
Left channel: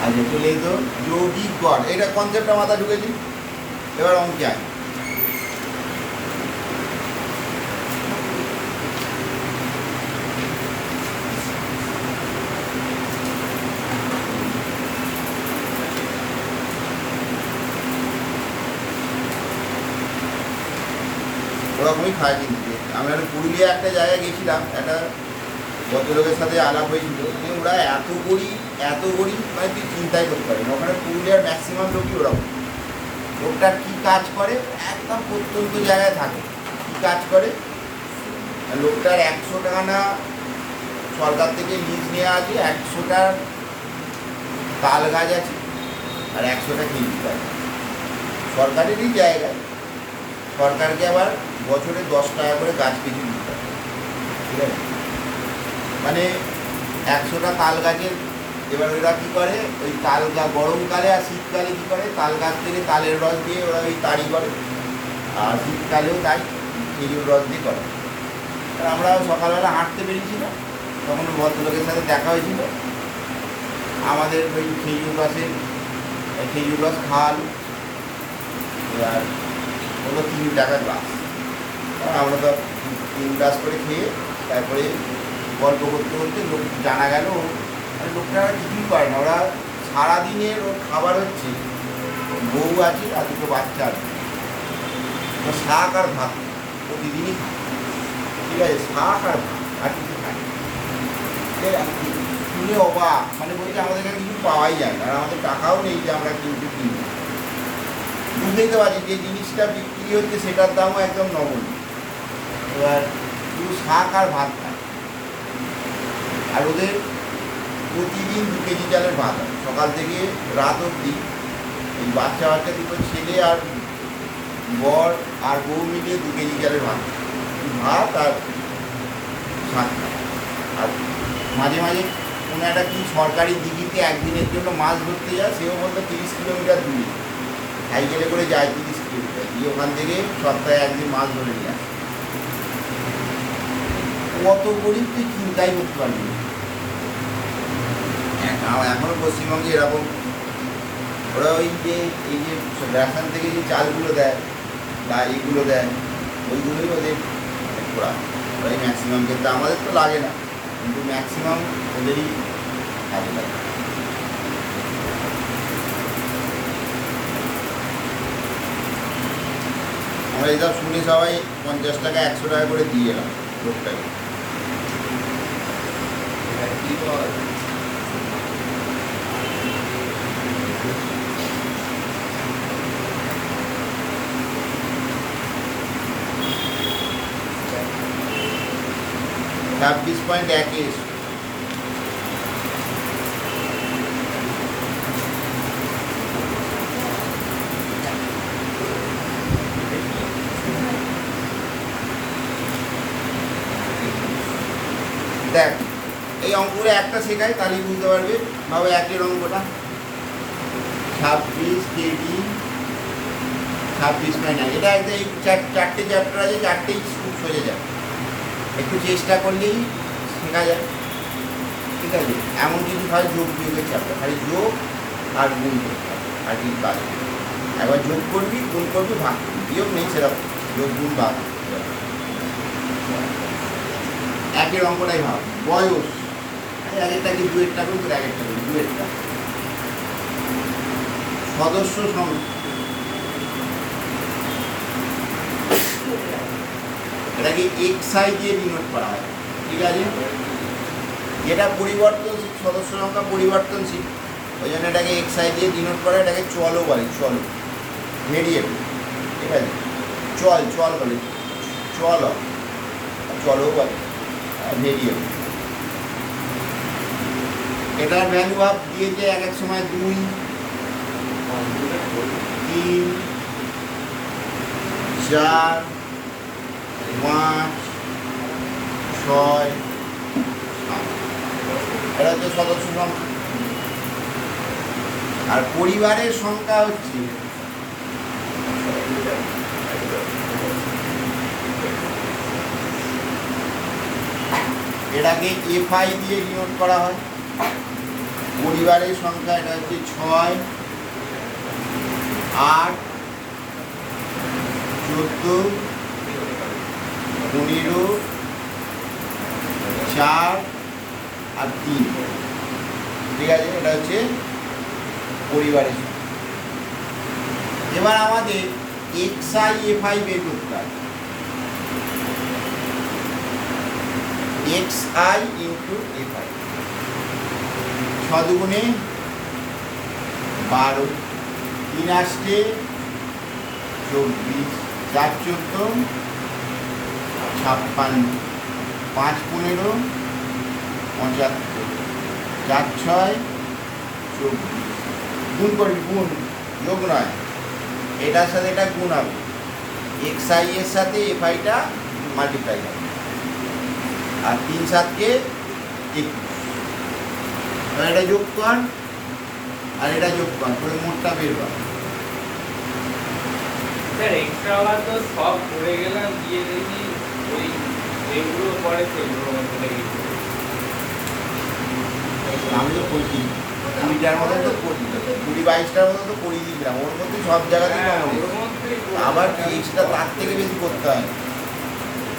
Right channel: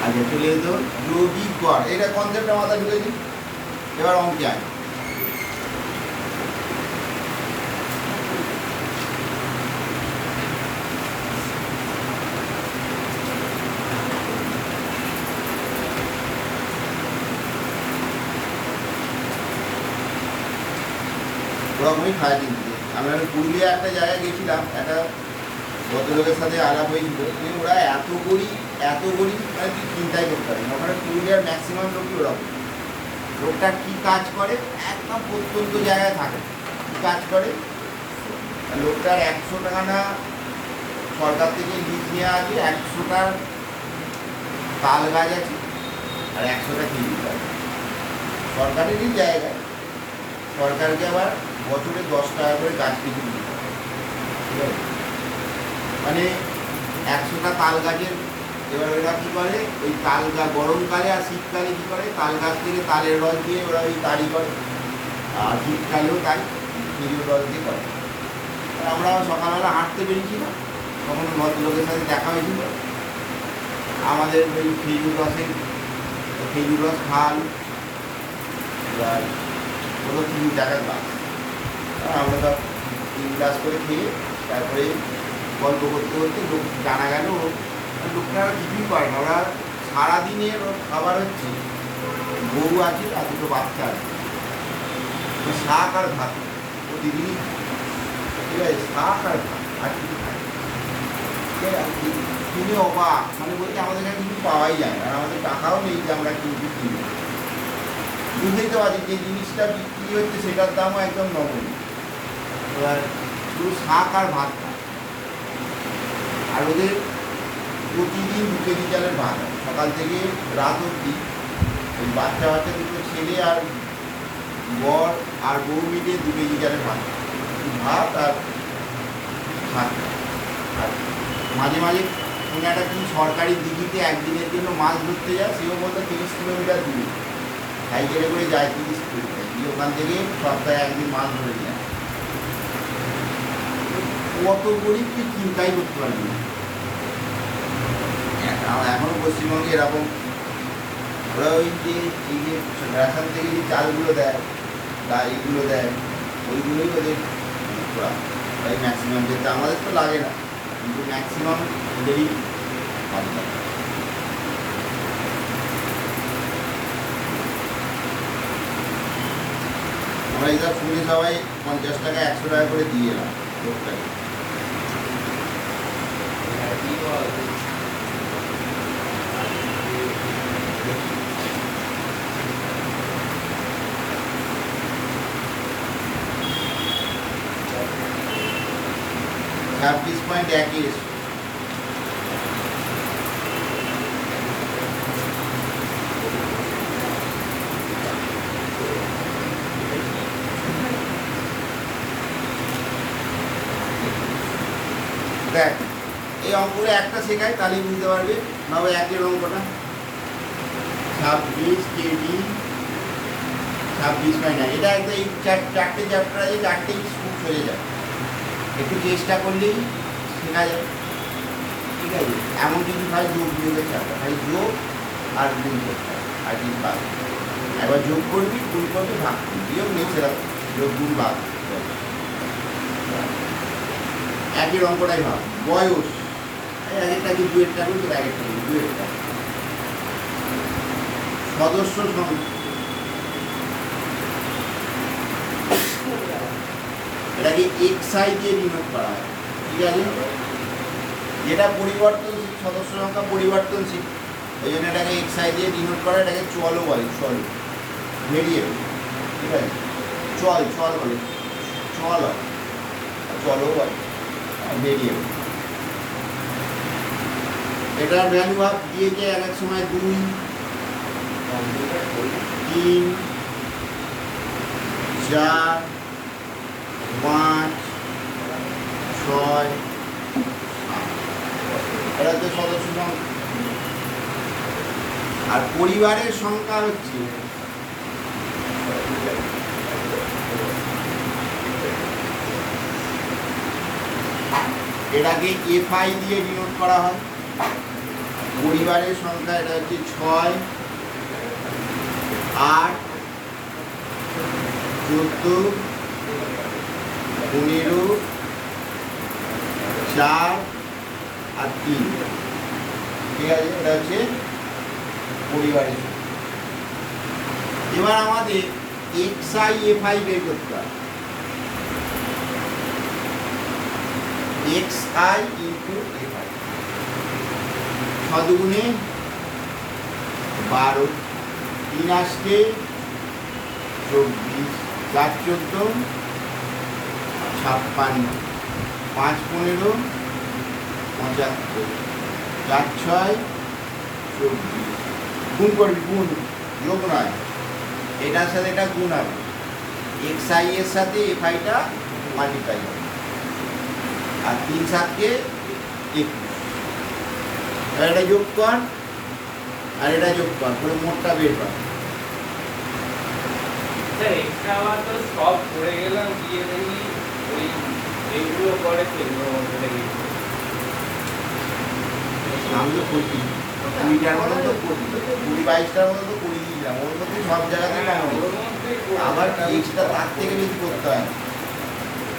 আচ্ছা, চলে যেত যৌগিক গড়, এটা কনসেপ্টটা মাথা ঢুকেছি। এবার অঙ্কে আয়। ওরকমই খাওয়া কিন্তু আমি পুরুলিয়া একটা জায়গায় গেছিলাম, একটা ভদ্রলোকের সাথে আলাপ হয়েছিল যে ওরা এত গরিব মানে তুই চিন্তাই করতে পারি না। ওখানে পুরুলিয়ার ম্যাক্সিমাম লোকই ওরকম। ওটা কী কাজ করে, একদম প্রত্যন্ত জায়গায় থাকে। কী কাজ করে, লোকটার 100 টাকা না সরকার থেকে লিজ নেওয়া আছে, 100টা তাল গাছ আছে আর 100টা খেয়ে দিতে হবে। সরকারেরই জায়গায় সরকারকে আবার বছরে 10 টাকা করে গাছ কেজি দিতে হবে। ঠিক আছে, মানে 100টা তাল গাছের এবার ওরা কী করে, ওই তাল গাছ গরমকালে আর শীতকালে কী করে, তাল গাছ থেকে তালের রস দিয়ে ওরা ওই তাড়ি করে, আর শীতকালেও তাই খেজুর রস দিয়ে করে। আর আমরা সকালবেলা হাঁটতে বেরিয়েছিলাম, তখন ভদ্রলোকের সাথে দেখা হয়েছিল, আমাদের ওই খেজুর রস খাওয়ালো। এবার ওগুলো 3 টাকার গাছ, আমরা তো 3 গ্লাস করে খেয়ে তারপরে গল্প করতে করতে লোক জানা গেল লোকটা কিছুই করে না, ওরা সারাদিনের ওর খাবার হচ্ছে গরু আছে আর 2 বাচ্চা আছে, শাক আর ভাত প্রতিদিনই, ঠিক আছে, শাক আর ভাত আর কিছু খায়। কিনে অবাক, মানে বলছি আমাদের কাছে কিছু পাওয়াই যায় না, আর আমাদের টাকাও নেই যে আমরা কিন্তু কিনবো। বুঝতেই তো পারছি যে জিনিসটা বিক্রি হচ্ছে সেটার দামও একদম নগণ্য। এবার শুধু শাক আর ভাত খায়, আর ওদের প্রতিদিন 2 কেজি চালের ভাত হয়, সকাল থেকে রাত অবধি। ওই বাচ্চা 2 ছেলে আর বর আর বউ মিলিয়ে 2 কেজি চালের ভাত আর শাক। আর মাঝে মাঝে কোনো একটা কি সরকারি দিঘিতে একদিনের জন্য মাছ ধরতে যায়, সেও বলতে 30 কিলোমিটার দূরে সাইকেলে করে যায়, 30 কিলোমিটার দিয়ে ওখান থেকে সপ্তাহে একদিন মাছ ধরে যায়। কত গরিব তুই চিন্তাই করতে পারবি না। এখনো পশ্চিমবঙ্গে এরকম ওরা ওই যে এই যে রেশন থেকে যে চালগুলো দেয় বা এইগুলো দেয়, ওইগুলোই ওদের ওই ম্যাক্সিমাম, যেটা আমাদের তো লাগে না, কিন্তু ম্যাক্সিমাম ওদেরই কাজে লাগে। আমরা এটা শুনে সবাই 50 টাকা 100 টাকা করে দিয়ে এলাম লোকটাকে। $26.21 দেখ, এই অঙ্কটা একটা শেখায় তাহলে বুঝতে পারবে। ভাবে একের অঙ্কটা 26 কেডি 26.9, এটা একটা এই 4টে চ্যাপ্টার আছে, 4টেই খুব সোজা যায়, একটু চেষ্টা করলেই শেখা যায়, ঠিক আছে। এমন কিছু খালি যোগ বিয়োগের চ্যাপ্টার, খালি যোগ আর গুণ করতে হবে, আর কি বাদ। একবার যোগ করবি, গুণ করবি, ভাগ করবি, বিয়োগ নেই সেরকম, যোগ গুণ ভাগ। একের অঙ্কটাই ভাগ। বয়স একটা কি 2-এরটা করবি, 1-এরটা করবি, 2-এরটা। সদস্য সংখ্যা, এটাকে XI দিয়ে ডিনোট করা হয়, ঠিক আছে। যেটা পরিবর্তনশীল, সদস্য সংখ্যা পরিবর্তনশীল, ওই জন্য এটাকে XI দিয়ে ডিনোট করে, এটাকে চলও বলে, চল ভেরিয়েবল, ঠিক আছে। চল বলে, চলও বলে ভেরিয়েবল। এটার ভ্যালু ভাব দিয়েছে এক সময় 2, 3, 4, 5, 6, 7, এটা তো সদস্য সংখ্যা। আর পরিবারের সংখ্যা হচ্ছে এটাকে FI দিয়ে ডিনোট করা হয়। পরিবারের সংখ্যা এটা হচ্ছে 6, 8, 14, 15, 4 আর 3, ঠিক আছে। এটা হচ্ছে পরিবারের সংখ্যা। এবার আমাদের XI FI বের করতে হবে। XI ইন্টু FI, 6 দুগুণে 12, 3 আসছে 24, 4 14 56, 5 15 75, 4 6 24। গুণ করবি, গুণ, যোগ নয়, এটার সাথে এটা গুণ হবে, XI এর সাথে FIটা মাল্টিপ্লাই হবে, আর 3 7 কে 21। এবার এটা যোগ কর আর এটা যোগ কর, করে মোটটা বের কর। স্যার এক্সট্রা আবার তো সব করে গেলাম, গিয়ে দেখি ওই যেগুলো পড়ে সেগুলো মধ্যে লেগেছে। আমি তো করছি 20টার মধ্যে তো করবি, 20-22টার মধ্যে তো করিয়ে দিয়েছিলাম, ওর মধ্যে সব জায়গাতেই হ্যাঁ, কমন ওর মধ্যেই করে আবার গেলাম। এক্সট্রা তার থেকে বেশি করতে হয়।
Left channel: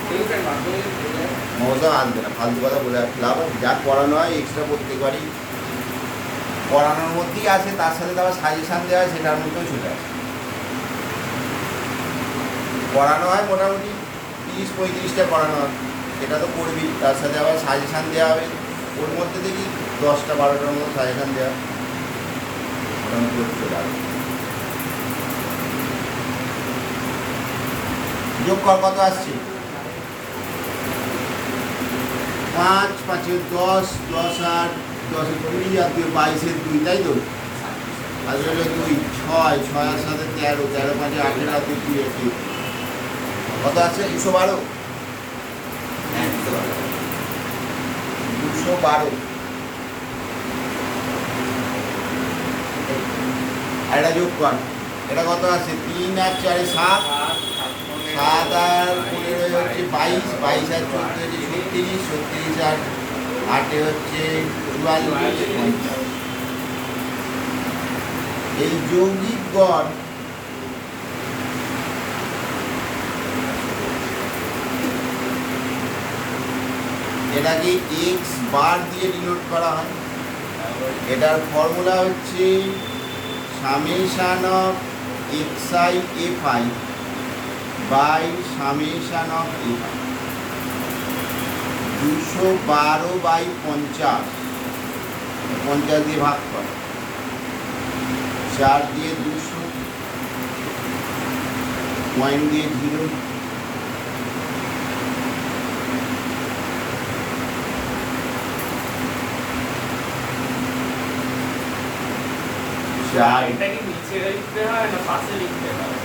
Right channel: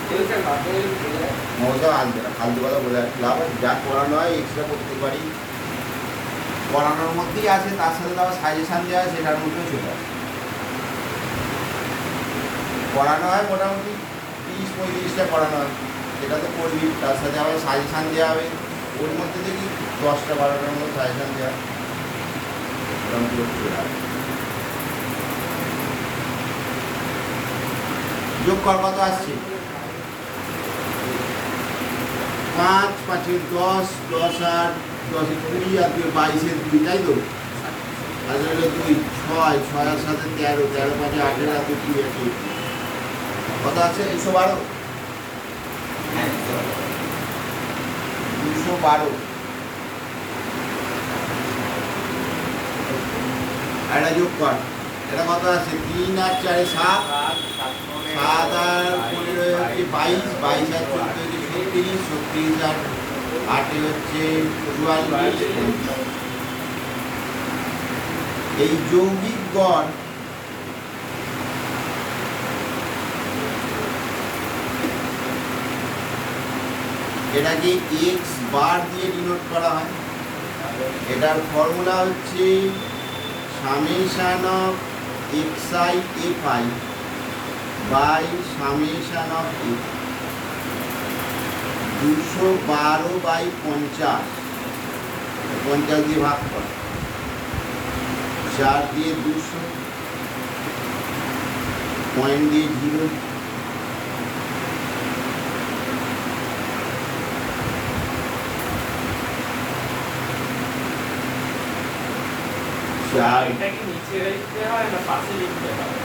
ঠিক স্যার, মাধ্যমিক চলে যায়। মমতা আনবে না, ফালতু কথা বলে আর লাভ হবে? যা পড়ানো হয় এক্সট্রা প্রত্যেকবারই পড়ানোর মধ্যেই আছে, তার সাথে তো আবার সাজেশান দেওয়া হয়, সেটার মধ্যেও চলে আসে। পড়ানো হয় মোটামুটি 30-35টা পড়ানো হয়, সেটা তো করবি, তার সাথে আবার সাজেশান দেওয়া হবে, ওর মধ্যে দেখি 10টা-12টার মতো সাজেশান দেওয়া হয়। মোটামুটি ওর চলে আসে। যোগ কর, কত আসছে? 5, 5 10, 10 আর 10 20 আর 22 2, তাই তো? আর হলো 2, 6, 6 আর সাথে 13, 13 5 18 আর 2 আছে। কত আছে? 212। হ্যাঁ 212। আর এটা যোগ কর, এটা কত আছে? 3 আর 4 7, 7 আর 15 হচ্ছে 22, 22 আর 14 হচ্ছে 36, 36 আর 8 হচ্ছে 44। এই যৌগিক গড় এটাকে এক্স বার দিয়ে ডিনোট করা হয়। এটার ফর্মুলা হচ্ছে summation of xi fi by summation of fi। 212/50, 50 দিয়ে ভাগ কর, 4 দিয়ে 200, পয়েন্ট দিয়ে 0, আর এটা কি নিচে লিখতে হয় না পাশে লিখতে হয়?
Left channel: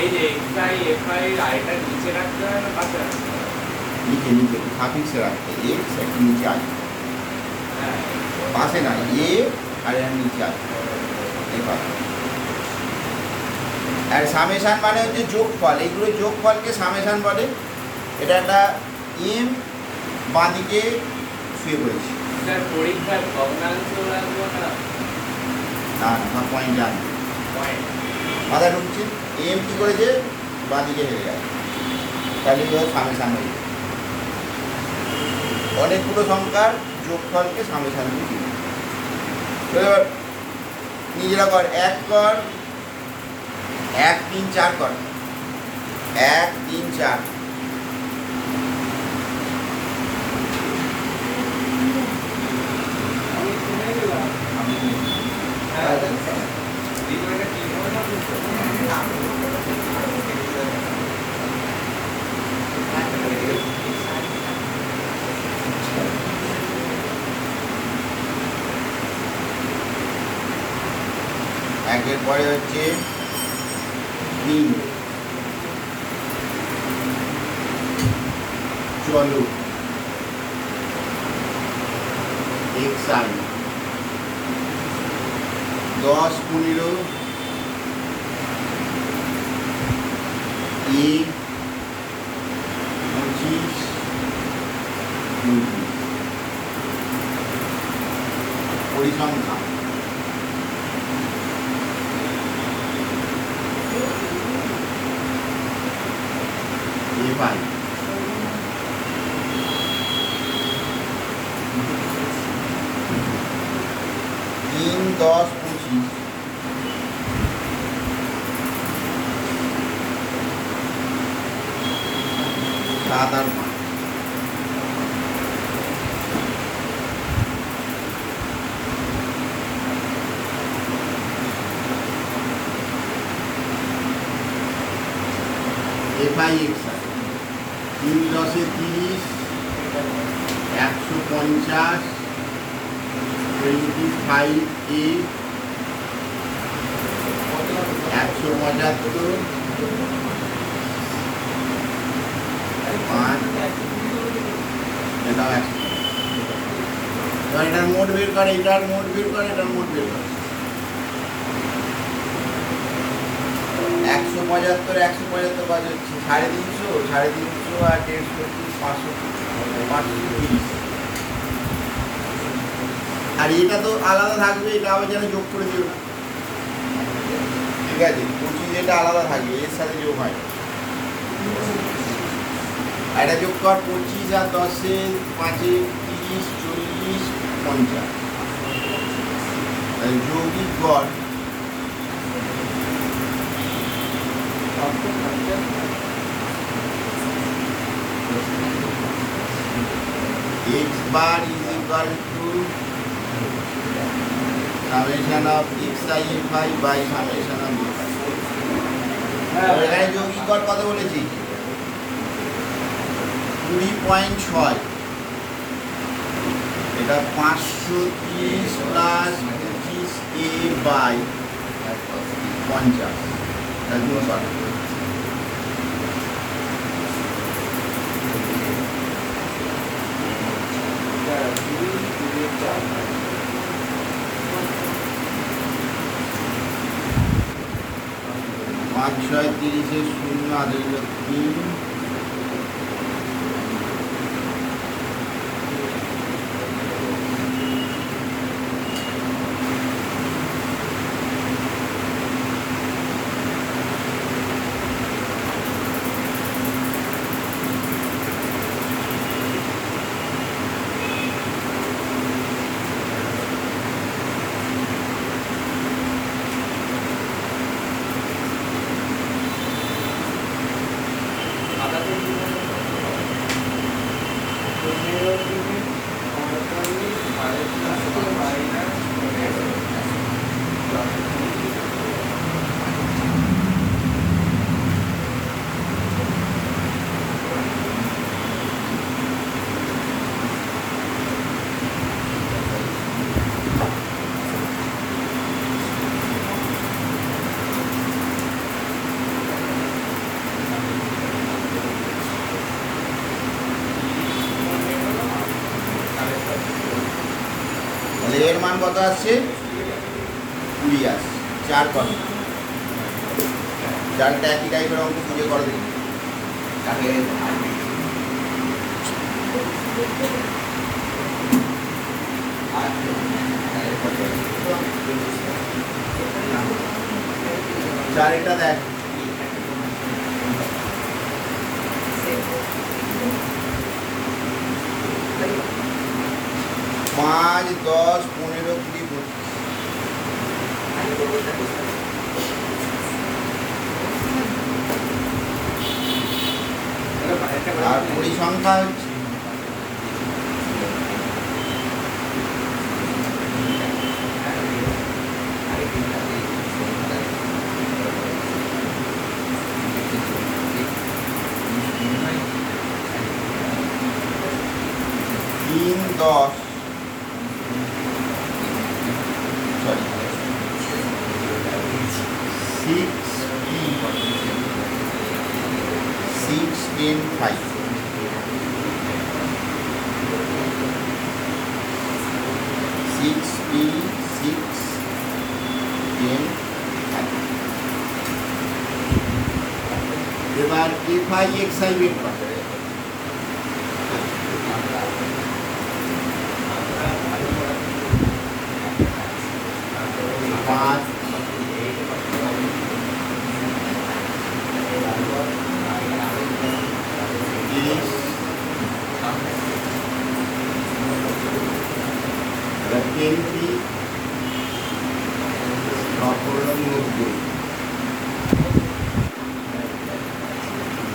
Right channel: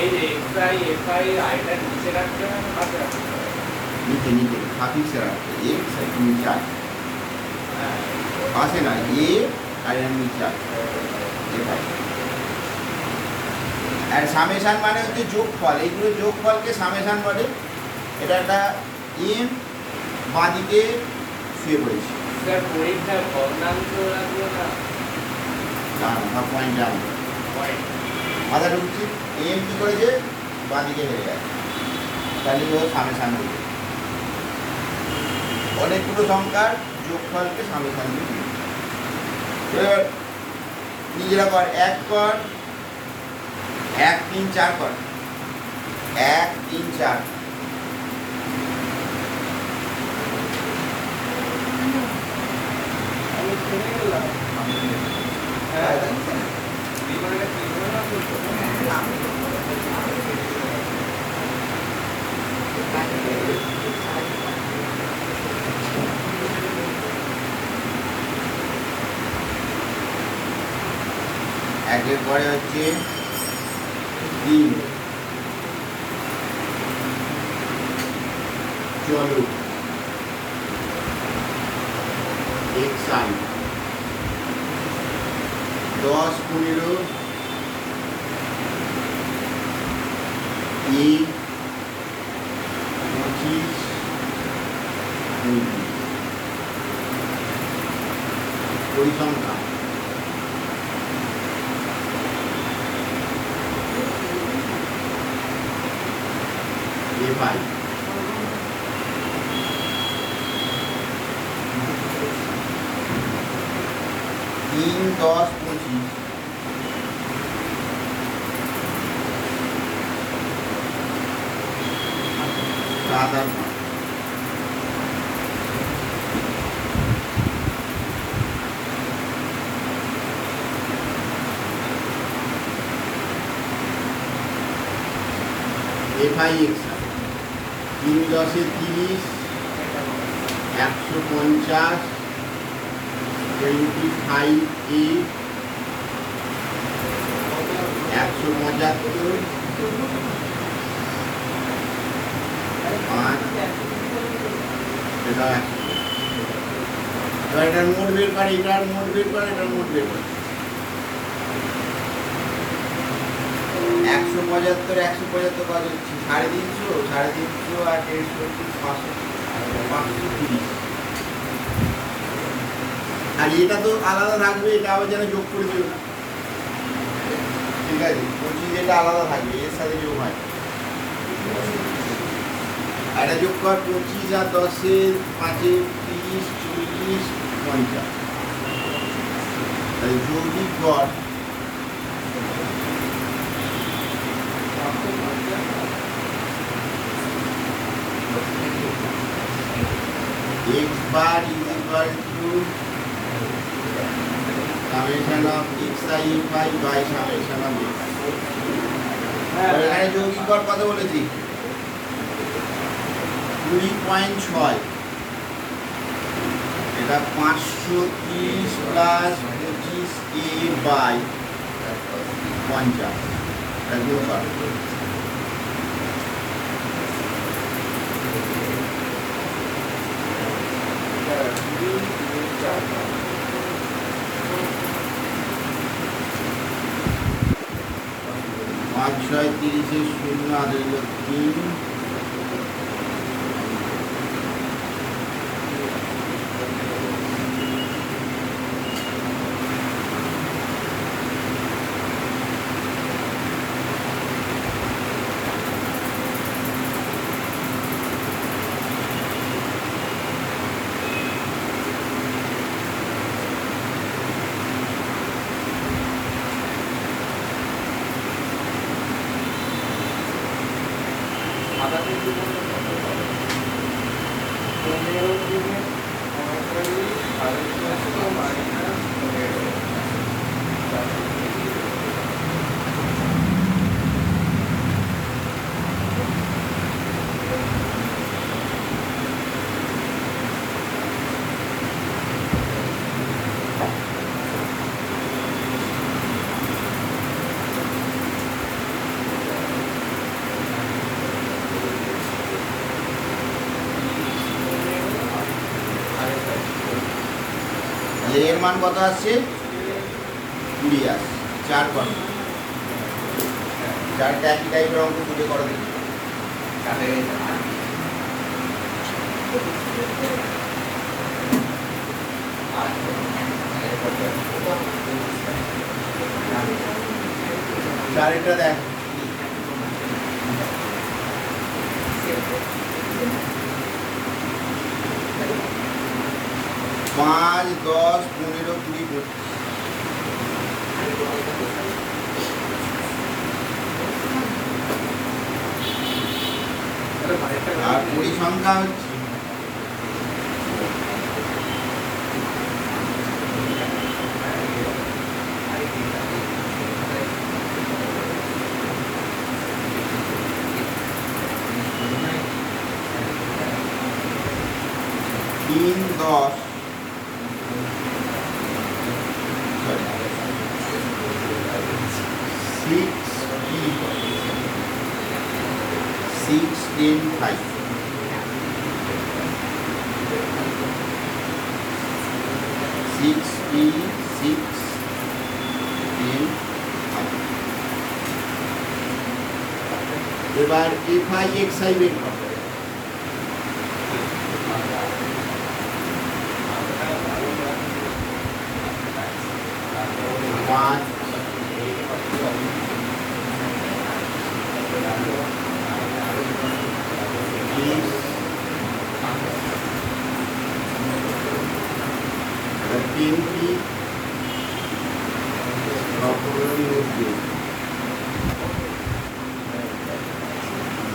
এই যে এফআই এফআই আইটা নিচে রাখতে হয় না পাশে রাখতে হয়? নিচে নিচে সাফিক্সে রাখতে, এক্স একটু নিচে আছে, হ্যাঁ, পাশে না, এ আর এর নিচে আছে, এবার আর সামেশান মানে হচ্ছে যোগফল, এগুলো যোগফলকে সামেশান বলে। এটা একটা এম বাঁদিকে শুয়ে পড়েছে, স্যার পরীক্ষায় ভগ্নাংশ রাখবো না না পয়েন্ট জানো পয়েন্ট? মাথা ঢুকছি, এম কী করেছে বাঁদিকে হেরে গেছে, তাহলে ও সামেশান হয়ে যায়। অনেকগুলো সংখ্যার যোগফলকে সামেশান দিয়ে দিই। এবার নিজেরা কর, 1 কর, 1 3 4 কর, 1 3 4। আমি শুনে গেলাম। হ্যাঁ, জীবনটা কি মনে হচ্ছে? একের পরে হচ্ছে 3, চলো xi 10 15 এ 25 29 পরিসংখ্যা এফআই 3 10 25 7 আর 5। এফআই এক্সআই 3 10 30, 150, 25 এ 175, 5 এটা 100। এবার এটার মোট বের করে, এটার মোট বের করে, এটার মোট বের করে। 175 175 কত হচ্ছে? 350, 350 আর 150, 500, 530। আর এটা তো আলাদা থাকবে, এটা আবার যেন যোগ করে দিও না, ঠিক আছে? 25 এটা আলাদা থাকবে, এর সাথে যোগ হয়। আর এটা যোগ কর, 25 আর 10-এ 5-এ 30, 40, 50। তাহলে যৌগিক গড় x bar is equal to summation of xi fi by summation of x। এখানে যৌগিক গড় কত বলেছি? 20.6। এটা 530 প্লাস 25a বাই 50। গুণ কর। পাঁচ ছয় 30-এ 0 আর 3। এর মান কত আসছে? 20 আসছে। 4 কত? 4টা একই টাইপের অঙ্ক খুঁজে করো দেখি। চারটা দেখ। 5, 10, 15, 20, 25। আর পরিসংখ্যা হচ্ছে তিন 10 6 10 5। 6p 6 10 5। এবার fi xi বের করো। পাঁচ 10p 90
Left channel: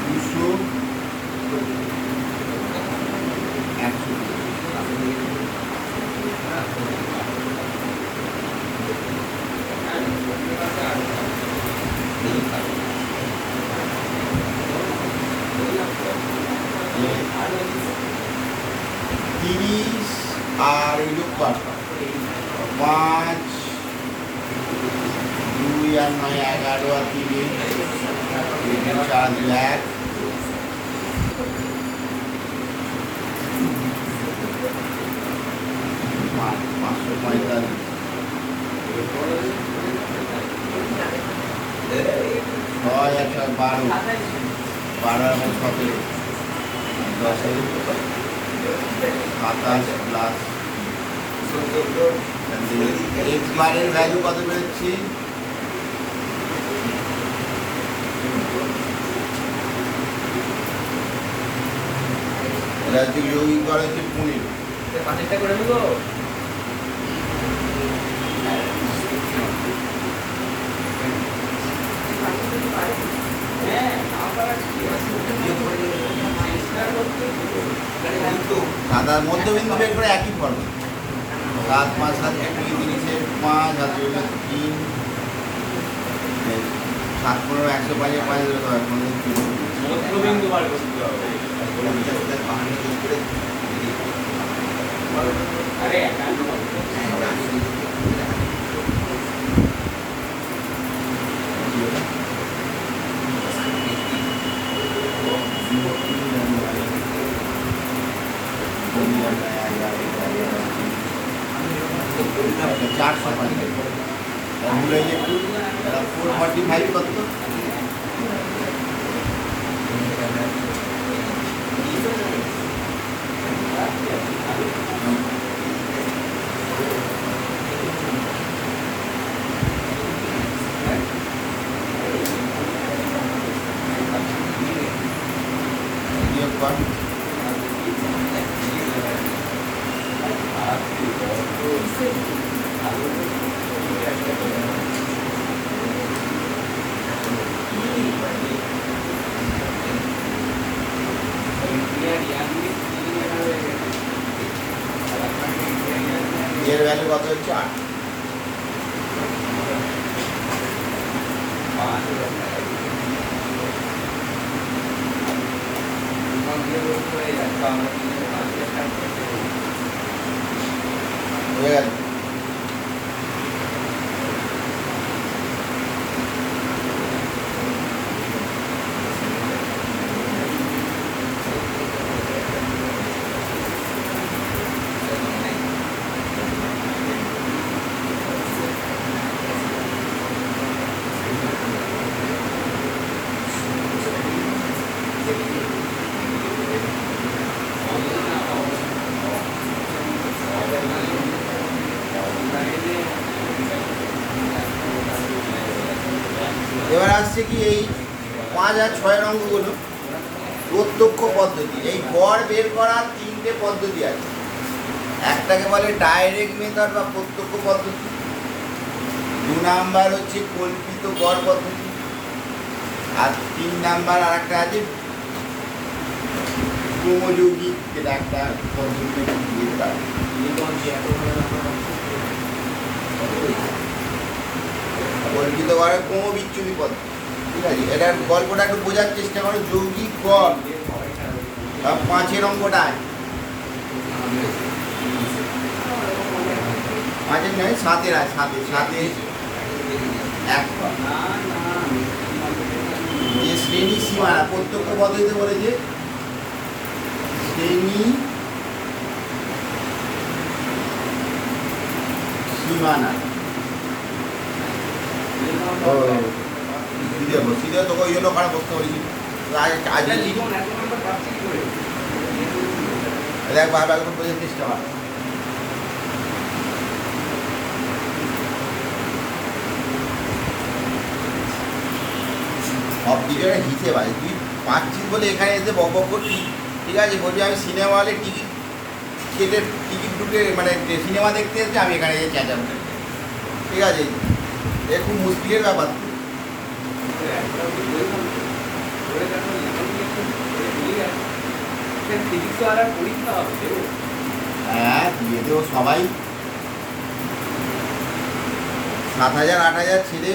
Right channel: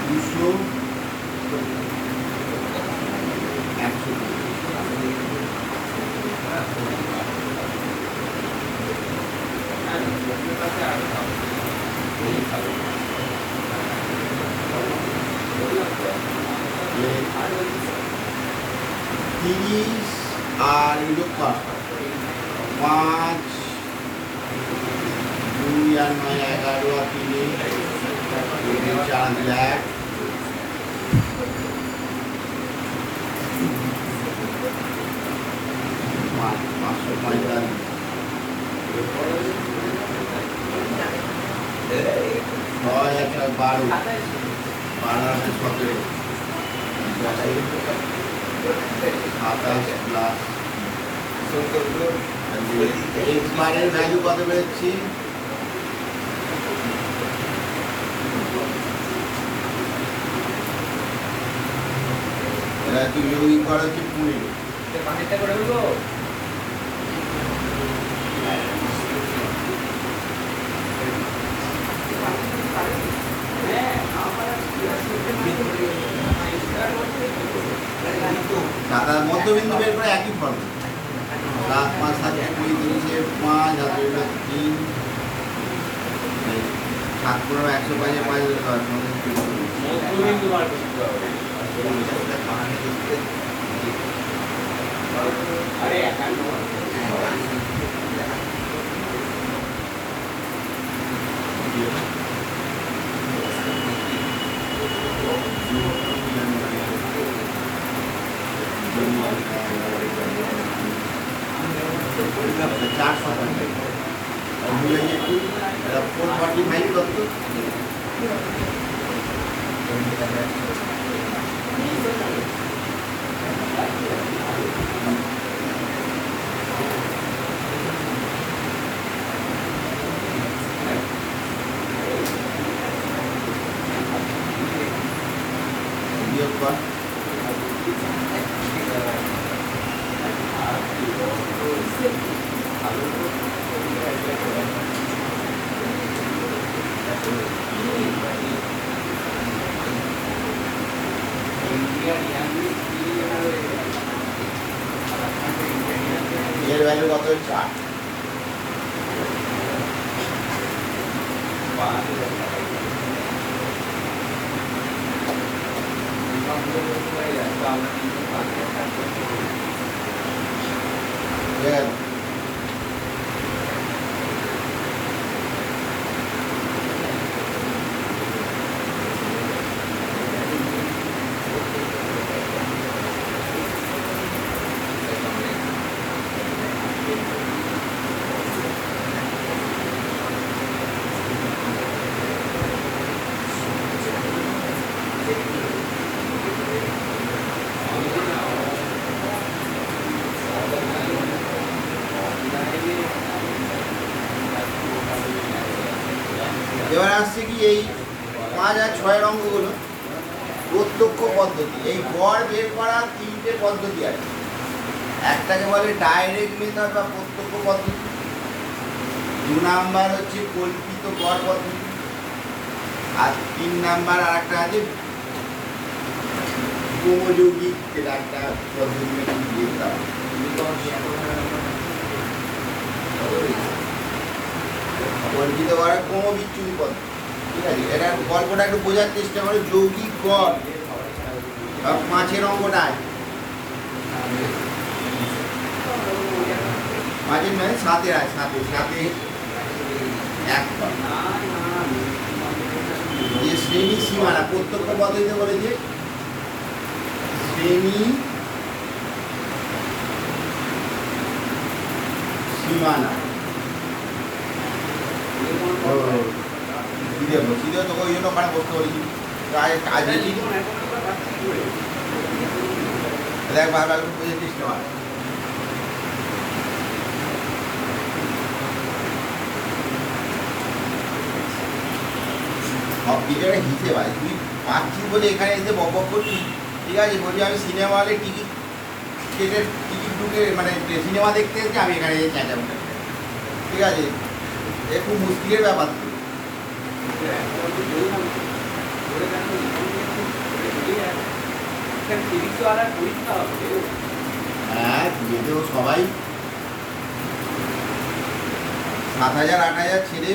200 30 আর এই যোগ কর 5 2 আর 9 11 আর 3 4 1 5 45 ছয় একটা 12 12 আর 17 10 27 প্লাস এক্সপায়ারের ভ্যালু কত বেরোচ্ছে? এটা হচ্ছে যৌগিক করা হচ্ছে 15। 5টা করে হলো সাতার মধ্যবিন্দু বের করে একই ফর্ম 7 5 7 2 3 5 আর 2 3 7 15 105 5 মধ্যবিন্দু বার করতে হবে আরে একান্ন চারশো একটু 445 কত? বিয়োগ কর। এর ভ্যালু কত হচ্ছে 8। হয়ে গেল। এবার আসছে কি এই 5 আর 6 অঙ্কগুলো প্রত্যক্ষ পদ্ধতি। এই গড় বের করা 3টে পদ্ধতি আছে। একটাকে বলে ডাইরেক্ট মেথড বা প্রত্যক্ষ পদ্ধতি, 2 নাম্বার হচ্ছে কল্পিত গড় পদ্ধতি, আর 3 নাম্বার আর একটা আছে ক্রমযৌগিক, যেটা একটা পদ্ধতি দিয়ে তারা কল্পিত গড়ের ক্রমবিচ্যুতি পদ্ধতি। ঠিক আছে, এটার গল্পটা একটু বোঝার চেষ্টা করো। যৌগিক গড় বা 5 অঙ্কটা আছে, 5 নয় 7 আছে, 7 এক যে শ্রেণী সীমানা প্রত্যক্ষ পদ্ধতিতে বলেছে শ্রেণী সীমানা। সিধে তোকে ওই জন্য ওখানে বসতে বলেছি। দেখ বারবার বোঝার চেষ্টা কর। সব কিছু একটা হিসেব আছে। তুই পাচ্ছিস বলে এখানে এসে বক বক করছিস। ঠিক আছে, বলছি আমি সিনেমা হলে টিকিট কেটে টিকিট ঢুকে মানে সিনেমা দেখতে এসেছি, আমি এখানে এসে চেঁচাবো। ঠিক আছে, এ খুব মুশকিলের ব্যাপার। হ্যাঁ, দিয়ে দেবো সবাই। 7,000 8,000 ছেলে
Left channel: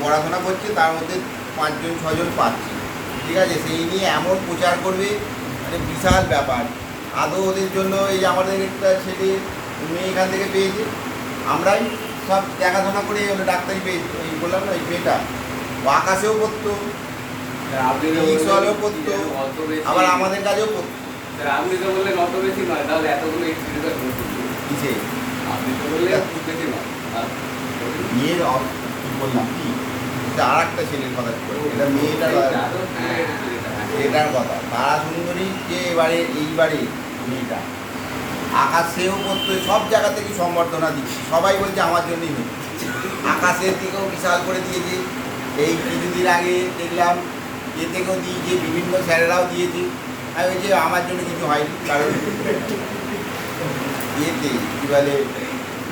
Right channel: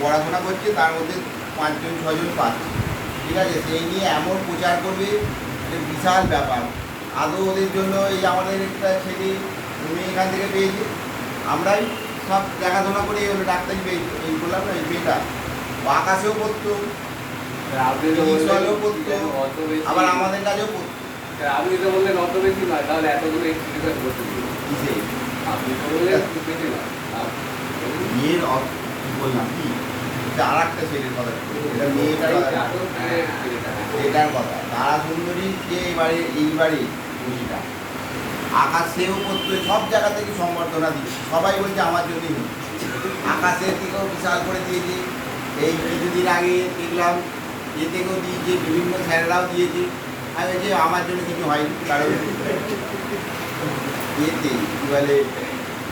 পড়াশোনা করছে, তার মধ্যে 5জন 6জন পাচ্ছে। ঠিক আছে, সেই নিয়ে এমন প্রচার করবে, একটা বিশাল ব্যাপার। আদৌ ওদের জন্য এই আমাদের একটা ছেলে মেয়ে এখান থেকে পেয়েছে, আমরাই সব দেখাশোনা করে এই হলো ডাক্তারি পেয়েছি। এই বললাম না, এই মেয়েটা আকাশেও পড়তো, পড়তো, আবার আমাদের কাছেও পড়তো। আপনি তো বললেন অত বেশি নয়, তাহলে এতগুলো কিসে মেয়ের কি বললাম কি আর একটা ছেলের কথা এবার মেয়েটার কথা এটার কথা তারা সুন্দরী যে এবারে এইবারে মেয়েটা আকাশেও করতে সব জায়গা থেকে সম্বর্ধনা দিচ্ছে সবাই বলছে আমার জন্যই মেয়ে আকাশের থেকেও বিশাল করে দিয়েছে এই কিছুদিন আগে দেখলাম এ থেকেও দিয়েছে বিভিন্ন স্যারেরাও দিয়েছে আমি বলছি আমার জন্য কিছু হয়নি কারণ ইয়েতে কী বলে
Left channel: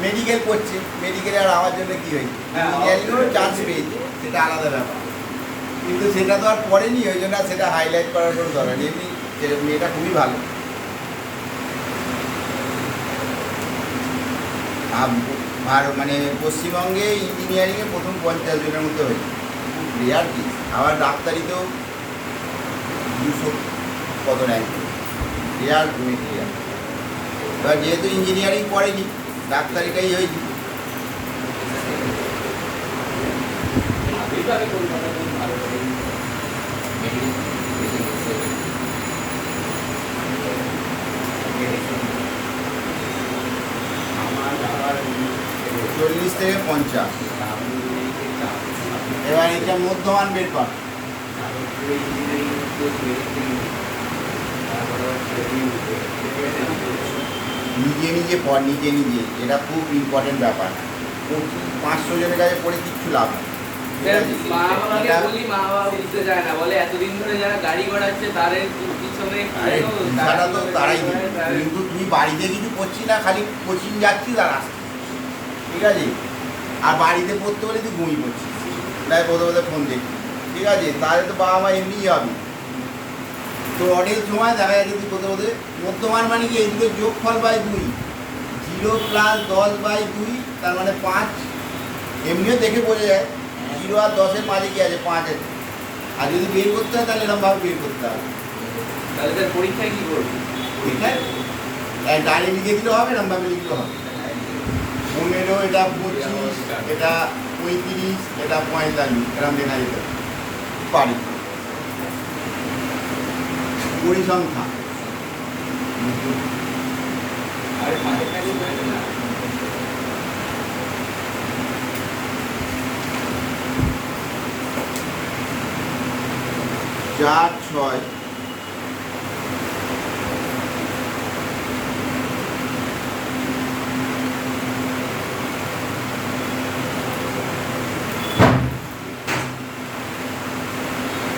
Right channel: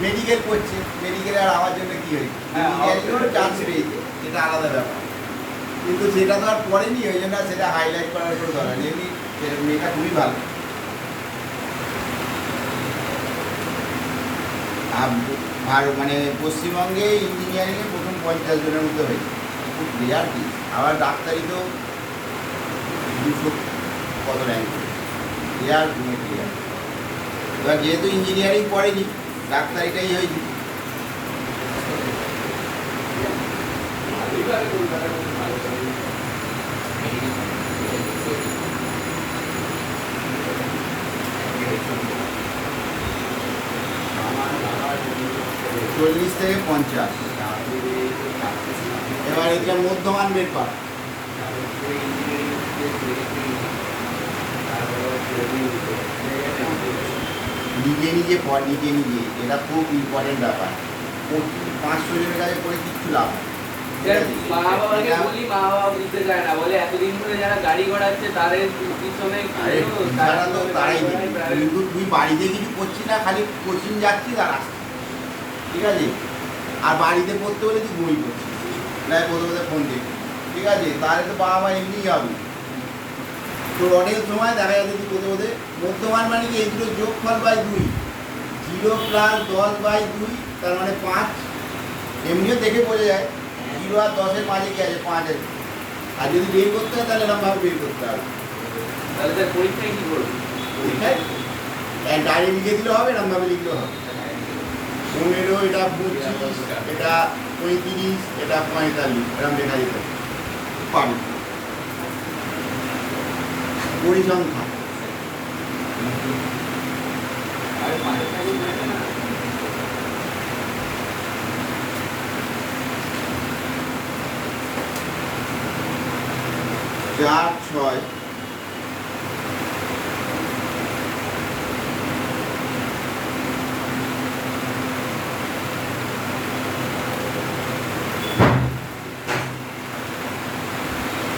মেডিকেল করছে মেডিকেলে আর আমার জন্য কী হয়েছে ইঞ্জিনিয়ারিংও চান্স পেয়েছে সেটা আলাদা ব্যাপার কিন্তু সেটা তো আর পড়েনি ওই জন্য আর সেটা হাইলাইট করার কোনো দরকার এমনি মেয়েটা খুবই ভালো আর মানে পশ্চিমবঙ্গে ইঞ্জিনিয়ারিংয়ে প্রথম 50 জনের মধ্যে হয়েছে খুব রেয়ার কি আবার ডাক্তারিতেও 200 কত র্যাঙ্ক রেয়ার মেটেরিয়াল এবার যেহেতু ইঞ্জিনিয়ারিং পড়েনি ডাক্তারিটাই হয়েছে চল্লিশ থেকে 50 এবার এটা মধ্যমান ব্যাপার নিজে নিজে পড় নিজে নিজে এটা খুব ইম্পর্টেন্ট ব্যাপার 500 জনের কাছে পড়ে কিচ্ছু লাভ হয় মা বাবাকে বলি মা বাবা বুঝতে চায় না বলে এতদিন ধরে যারা গাড়ি ঘোড়াচ্ছে তাদের পিছনে তারা তো তারাই কিন্তু তুই বাড়িতে কিছু করছিস না খালি কোচিং যাচ্ছিস আর আসছিস ঠিক আছে আর বাড়িতে পড়তে হলে তুই ঘুমিয়ে পড়ছিস নাই কোথাও ফোন দেখবি ঠিক আছে তাহলে তো বাবা মা এমনিই হবে তো অনেক সময় দেখা যাচ্ছে তুই কোথাও মধ্যমান মানে কি এই দুটো যোগফল বাই 2 0 প্লাস 10 বাই 2 তার মানে 5 এমনিও দেখে বোঝা যায় 0 আর 10 এর মাঝে কি আছে 5 আছে আর যদি বের করতে হয় তাহলে এরকমভাবে বের করতে হবে তাহলে তার পরীক্ষায় কি করবি পরীক্ষায় ডাইরি লিখে দিলে হবে এরকমভাবে লিখলে হবে 15 এটা 25 এটা 35 এটা 45 এরকম লেখা যেতে পারি পরিসংখ্যা আরে পাঁচে থাকলে যাবে না 4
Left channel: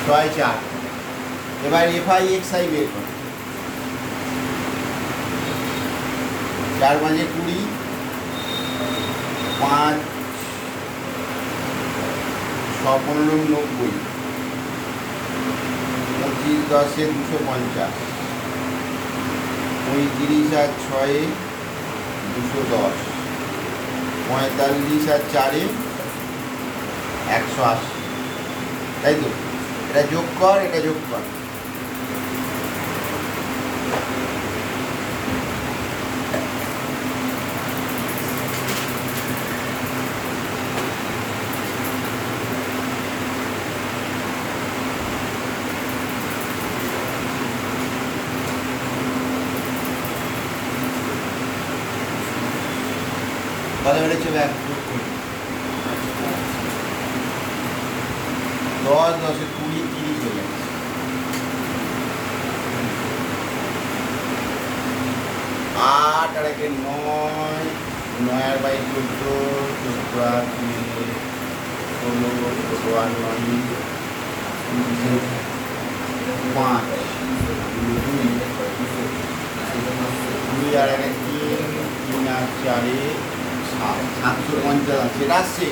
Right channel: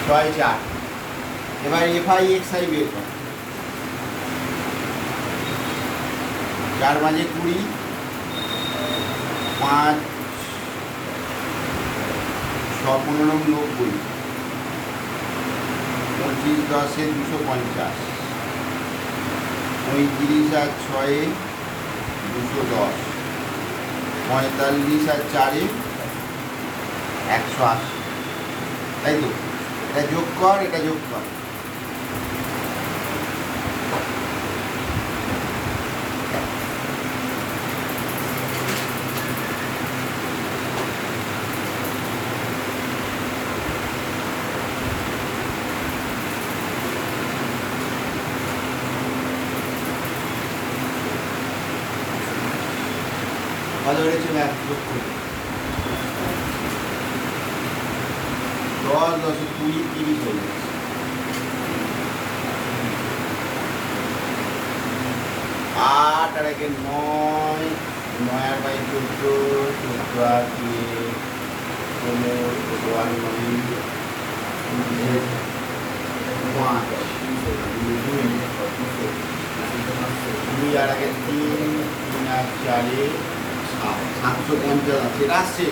6 4 এবার এফআই এক্সআই বের কর 4 5 20 5 6 15 90 25 10 250 35 আর 6 210 45 আর 4 180 তাই তো এটা যোগ কর এটা যোগ কর কত বেড়েছে ব্যাগ যোগ করি 10 10 20 30 হয়ে যাচ্ছে 8 আর 1 9 9 আর বাই 14 14 আর 16 16 আর 9 5 2 আর 1 3 3 আর 4 750 সেটা আসছে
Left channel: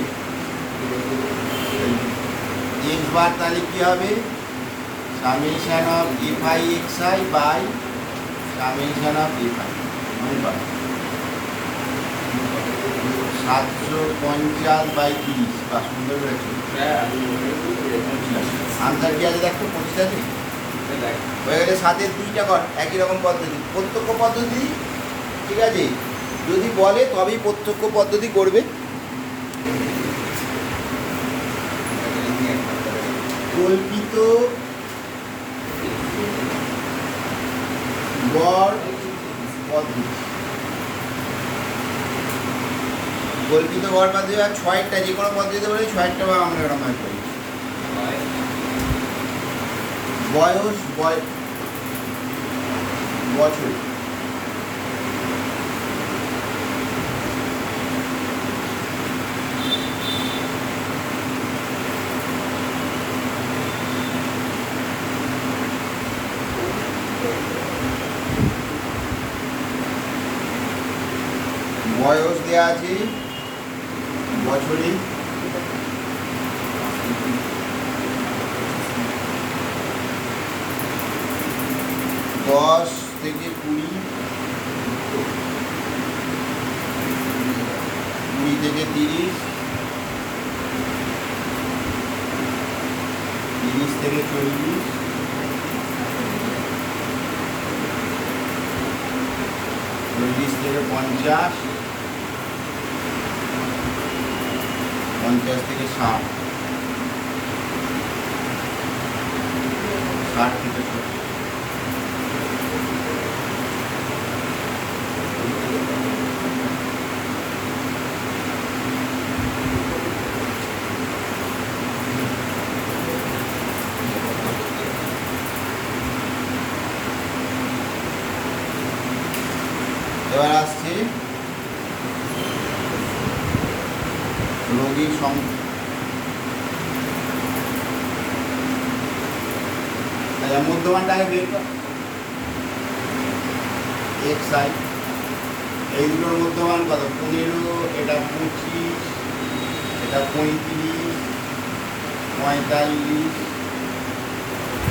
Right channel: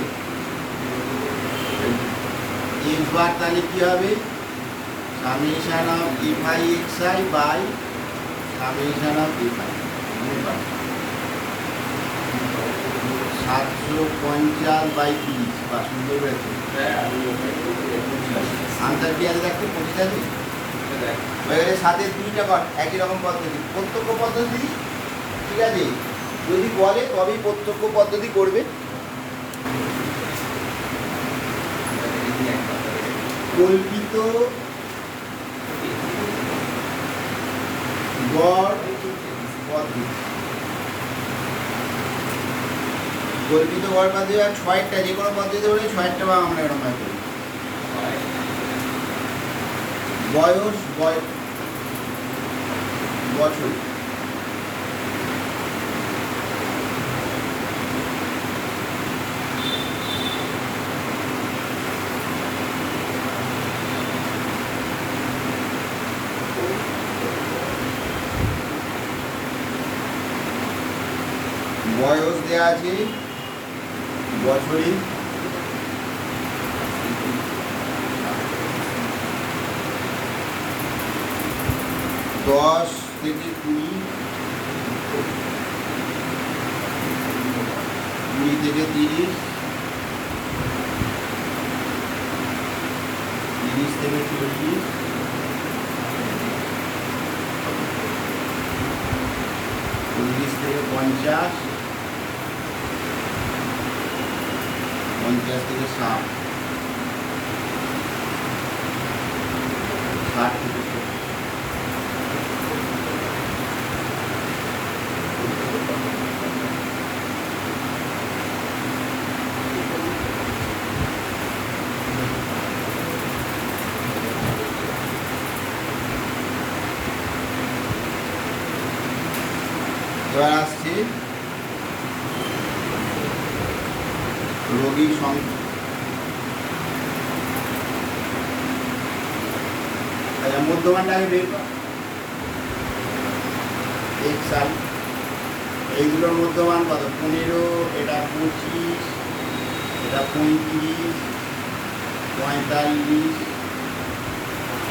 এক্স বার তাহলে কী হবে summation of FI XI by summation of FI 750 by 30 বা সুন্দর হয়েছে আনসার কি আছে দেখো 25 আছে হয়ে গেলে 7-এর 2টা কর একই রকম পদ্ধতি প্রত্যক্ষ পদ্ধতি ঠিক আছে যদি বলে তবেই প্রত্যক্ষ পদ্ধতি করবে কল্পিত গড় পদ্ধতি মধ্যে গড় পদ্ধতি হয় 6টা, যে কোনো পদ্ধতিতে বলে 6টা বা আমরা এরকম হয় করি। বয়স বছর, বয়স দেওয়া আছে বছরে, 10 থেকে 20, 20 থেকে 30, 30 থেকে 40, 40 থেকে 50, 50 থেকে 60, 60 থেকে 70। এবার আসছে রোগীর সংখ্যা, মধ্যমানটাকে বের কর, XI, এইগুলোর মধ্যমান কত? 15, এটা 25, এটা 35, 45,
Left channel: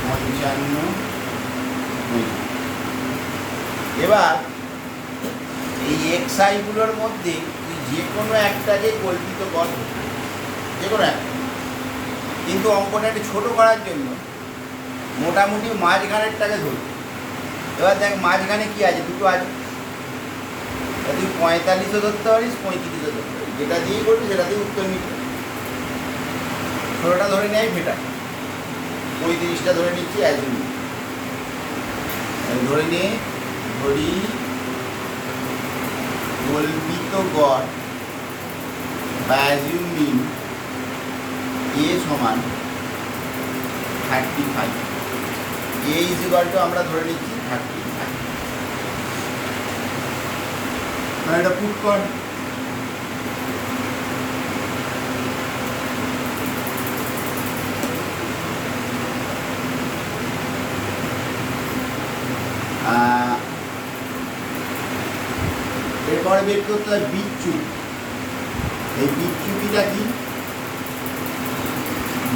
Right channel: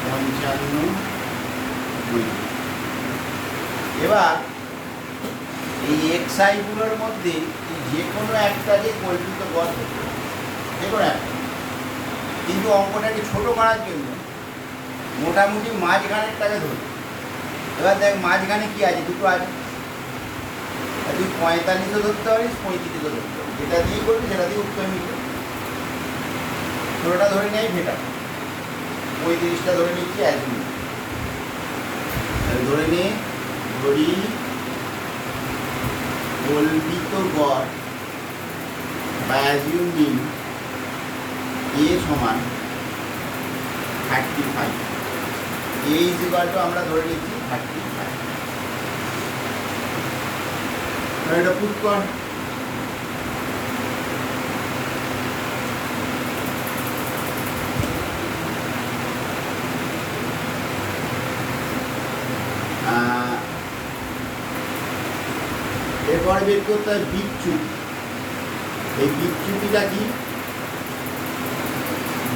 55, 50। এবার এই XI গুলোর মধ্যে তুই যে কোনো একটাকে কল্পিত কর, যে কোনো একটা, কিন্তু অঙ্কটা একটু ছোটো করার জন্য মোটামুটি মাঝখানেরটাকে ধরি। এবার দেখ মাঝখানে কী আছে, দুটো আছে, তুই 45ও ধরতে পারিস, 35ও ধরতে পারিস, যেটা দিয়েই করবি সেটা দিয়ে উত্তর নিতে। ষোলোটা ধরে নেয় ভেটা, 35টা ধরে নিচ্ছি অ্যাজুম, ধরে নিয়ে ধরি কল্পিত গড় বা অ্যাজিউম মিন এ সমান 35, এ ইজ ইকুয়াল টু আমরা ধরে নিচ্ছি 35। এটা পুট কর, এরপরে বের করতে হয় বিচ্যুতি। এই বিচ্যুতিটা কি?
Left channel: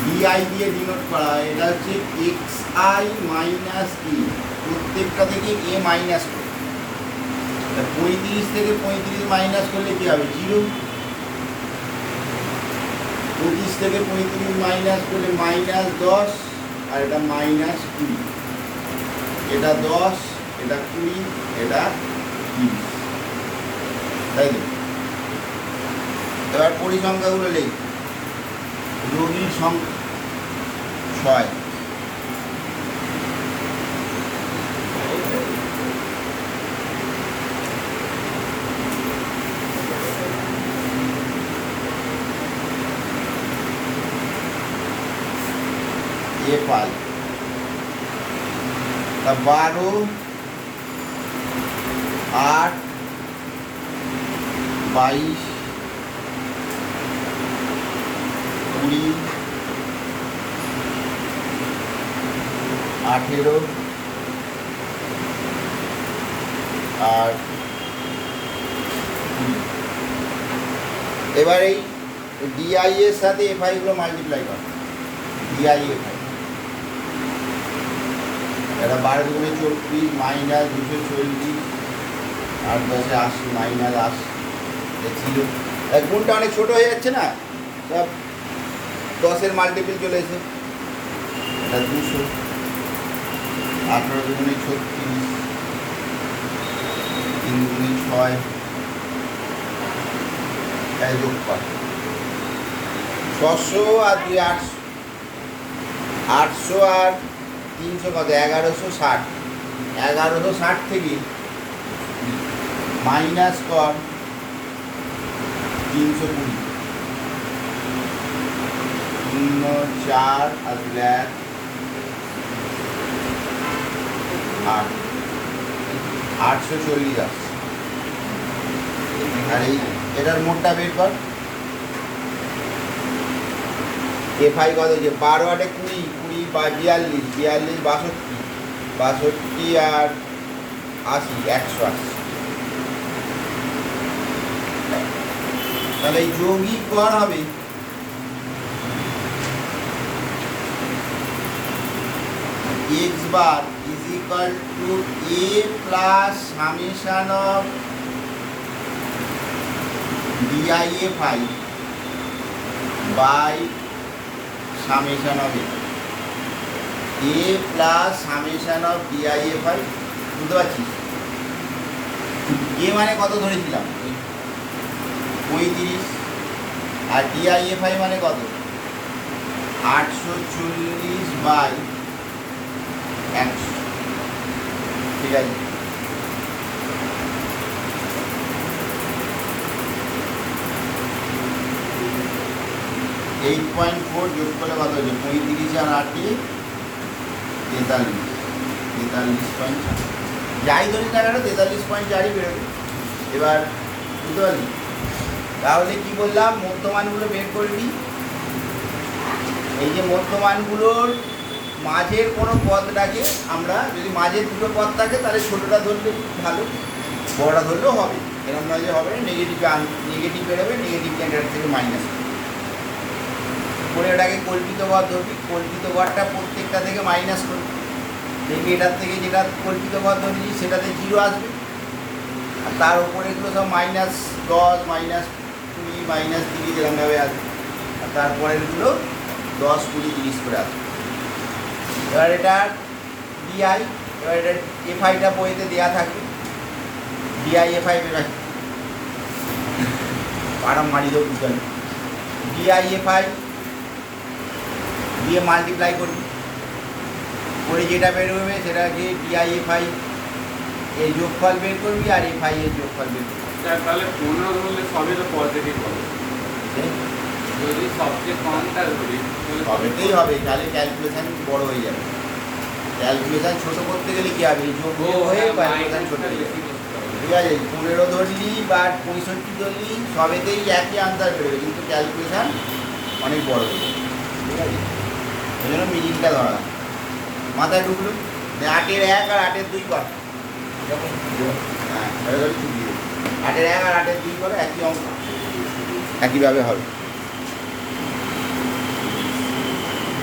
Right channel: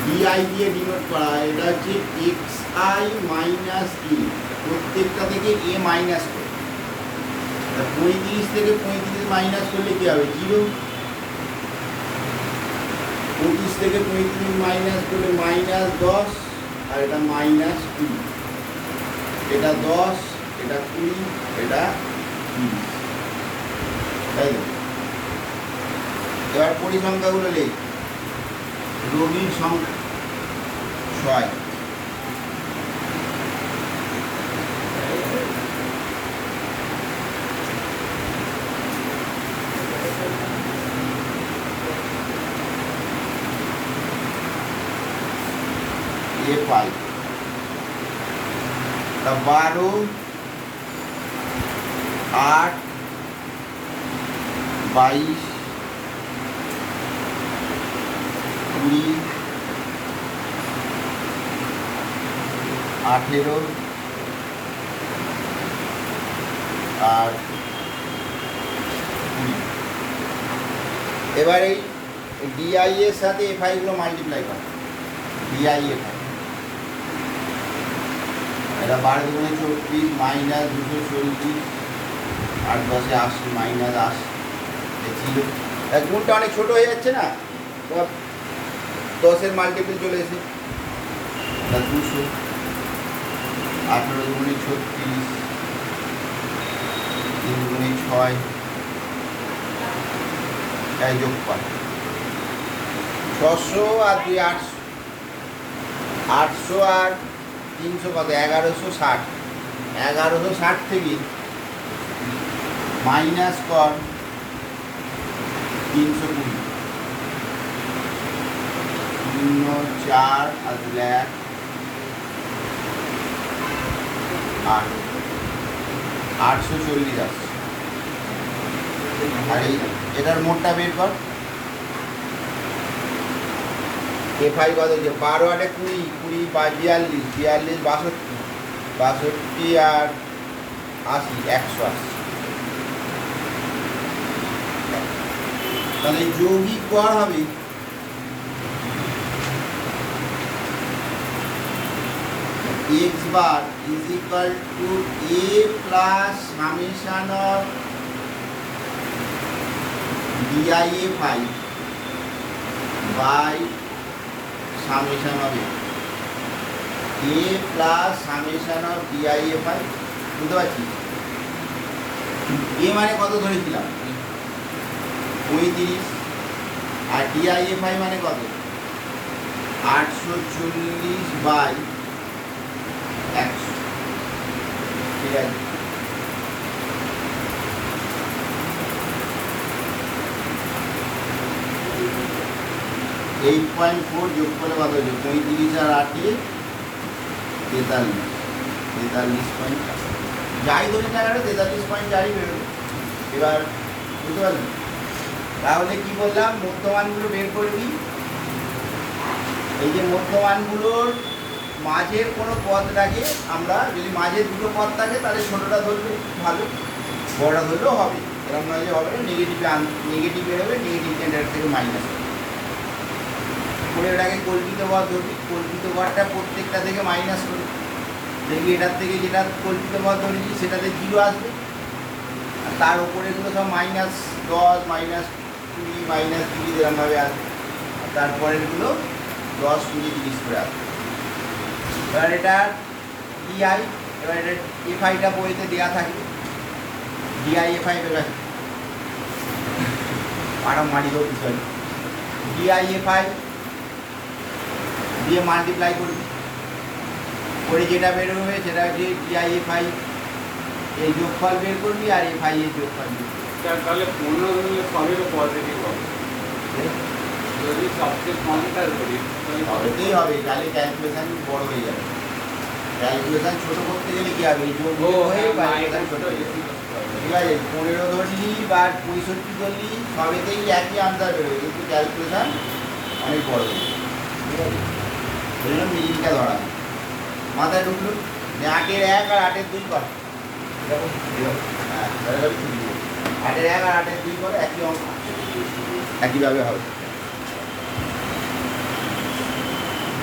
ডিআই দিয়ে ডিনোট করা হয়। এটা হচ্ছে XI মাইনাস E, প্রত্যেকটা থেকে এ মাইনাস করে। 35 থেকে 35 মাইনাস করলে কি হবে? 0। 25 থেকে 35 মাইনাস করলে -10, আর এটা -20। এটা 10, এটা 20, এটা 30, তাই না? এবার পরিসংখ্যাগুলো লিখ। রোগীর সংখ্যা 6, FI 12, 8, 22, 20, 18 আর 20। এবার এই ডিআই এর সাথে এফআই গুলো মাল্টিপ্লাই করে, ডিআই এফআই। এটা 12 দুগুণে 24, মাইনাস 240, 8 10 80, মাইনাস 80, ছিল। গুণটা অনেক ছোটো হয়ে যাচ্ছে না, 10-এর মাল্টিপল চলে এসে এটা 200, 18 দুগুণে 36, 3 দুগুণে 6, তাই যোগ কর 600 আর 2 800, 800 আর 300 কত? 1160। 1160 থেকে মাইনাস কর 320 4 আসলে 8 840 আসছে। আর এটার মোটটা বের কর। এফআই কত যে 12 8 20 20 42 42 62 62 আর 80 100 আসছে। তাহলে যৌগিক গড় হবে x bar is equal to a plus summation of DIFI by summation of a plus summation of DIFI। বুঝতে পারছি a মানে কত ধরেছিলাম 35 আর DIFI মানে কত 840 বাই 100। ঠিক আছে, এইট পয়েন্ট ফোর যোগ করে কত হয়েছে 35 আর 8 43 যাই ধরে টাকাটা 43.4 বেরোবে। এবার বুঝতে পারলি, তাহলে কি বললাম মধ্যমানগুলো বের করবি। এই যে মধ্যমানগুলোর মাঝের কোনো পদটাকে আমরা যদি মাঝের দুটো পদ থাকে তাহলে ছোটোটা ধরলে ভালো, বড়টা ধরলেও হবে। এরকম নয় যে হবে না, নেগেটিভ বেরোবে, নেগেটিভ এটার থেকে মাইনাস করে এটাকে কল্পিত পদ ধরবি। কল্পিত পদটা প্রত্যেকটা থেকে মাইনাস করবি, দেখবি এটার থেকে যেটা কল্পিত পদ ধরেছি সেটাতে 0 আসবে, আর তার উপরেগুলো সব -10 -20 -30 এরকমভাবে আসবে, আর তারপরেরগুলো 10 20 30 করে আসবে। এবার এটা ডিআই, এবার এটা এফআইটা বইতে দেওয়া থাকবে, ডিআইএফআই বেরা আরাম মারি দেবো বিষয়, ডিআইএফআই দিয়ে মাল্টিপ্লাই করবি করে যেটা বেরোবে সেটাকে ডিআইএফআই এই যোগফল বের করবি আর এফআই এর যোগফল বের করবি। তাহলে 15 ধরলে সবই তো পজিটিভ হবে, যদি সবচেয়ে কমটা ধরি তাহলে সবেতেই হবে, তাহলে ক্যালকুলেশন বড় হয়ে যাবে। ক্যালকুলেশন ছোট করতে গেলে কি হবে, যোগ হয়ে ক্যালকুলেশন ছোট হয়ে যাবে। ঠিক আছে, 15 ধরলি বা 65 ধরলি সবেতেই একই আনসার বেরোবে, কিন্তু ক্যালকুলেশন অনেক বড় হয়ে যাবে। ঠিক আছে, এই জন্য মিডিলটা ধরা মাথায় ঢুকলো। 8-এর 1 আর 8-এর 2 কর, হ্যাঁ 8-এর 1 আর 8-এর 2 করো, একই অঙ্ক একইভাবে হবে।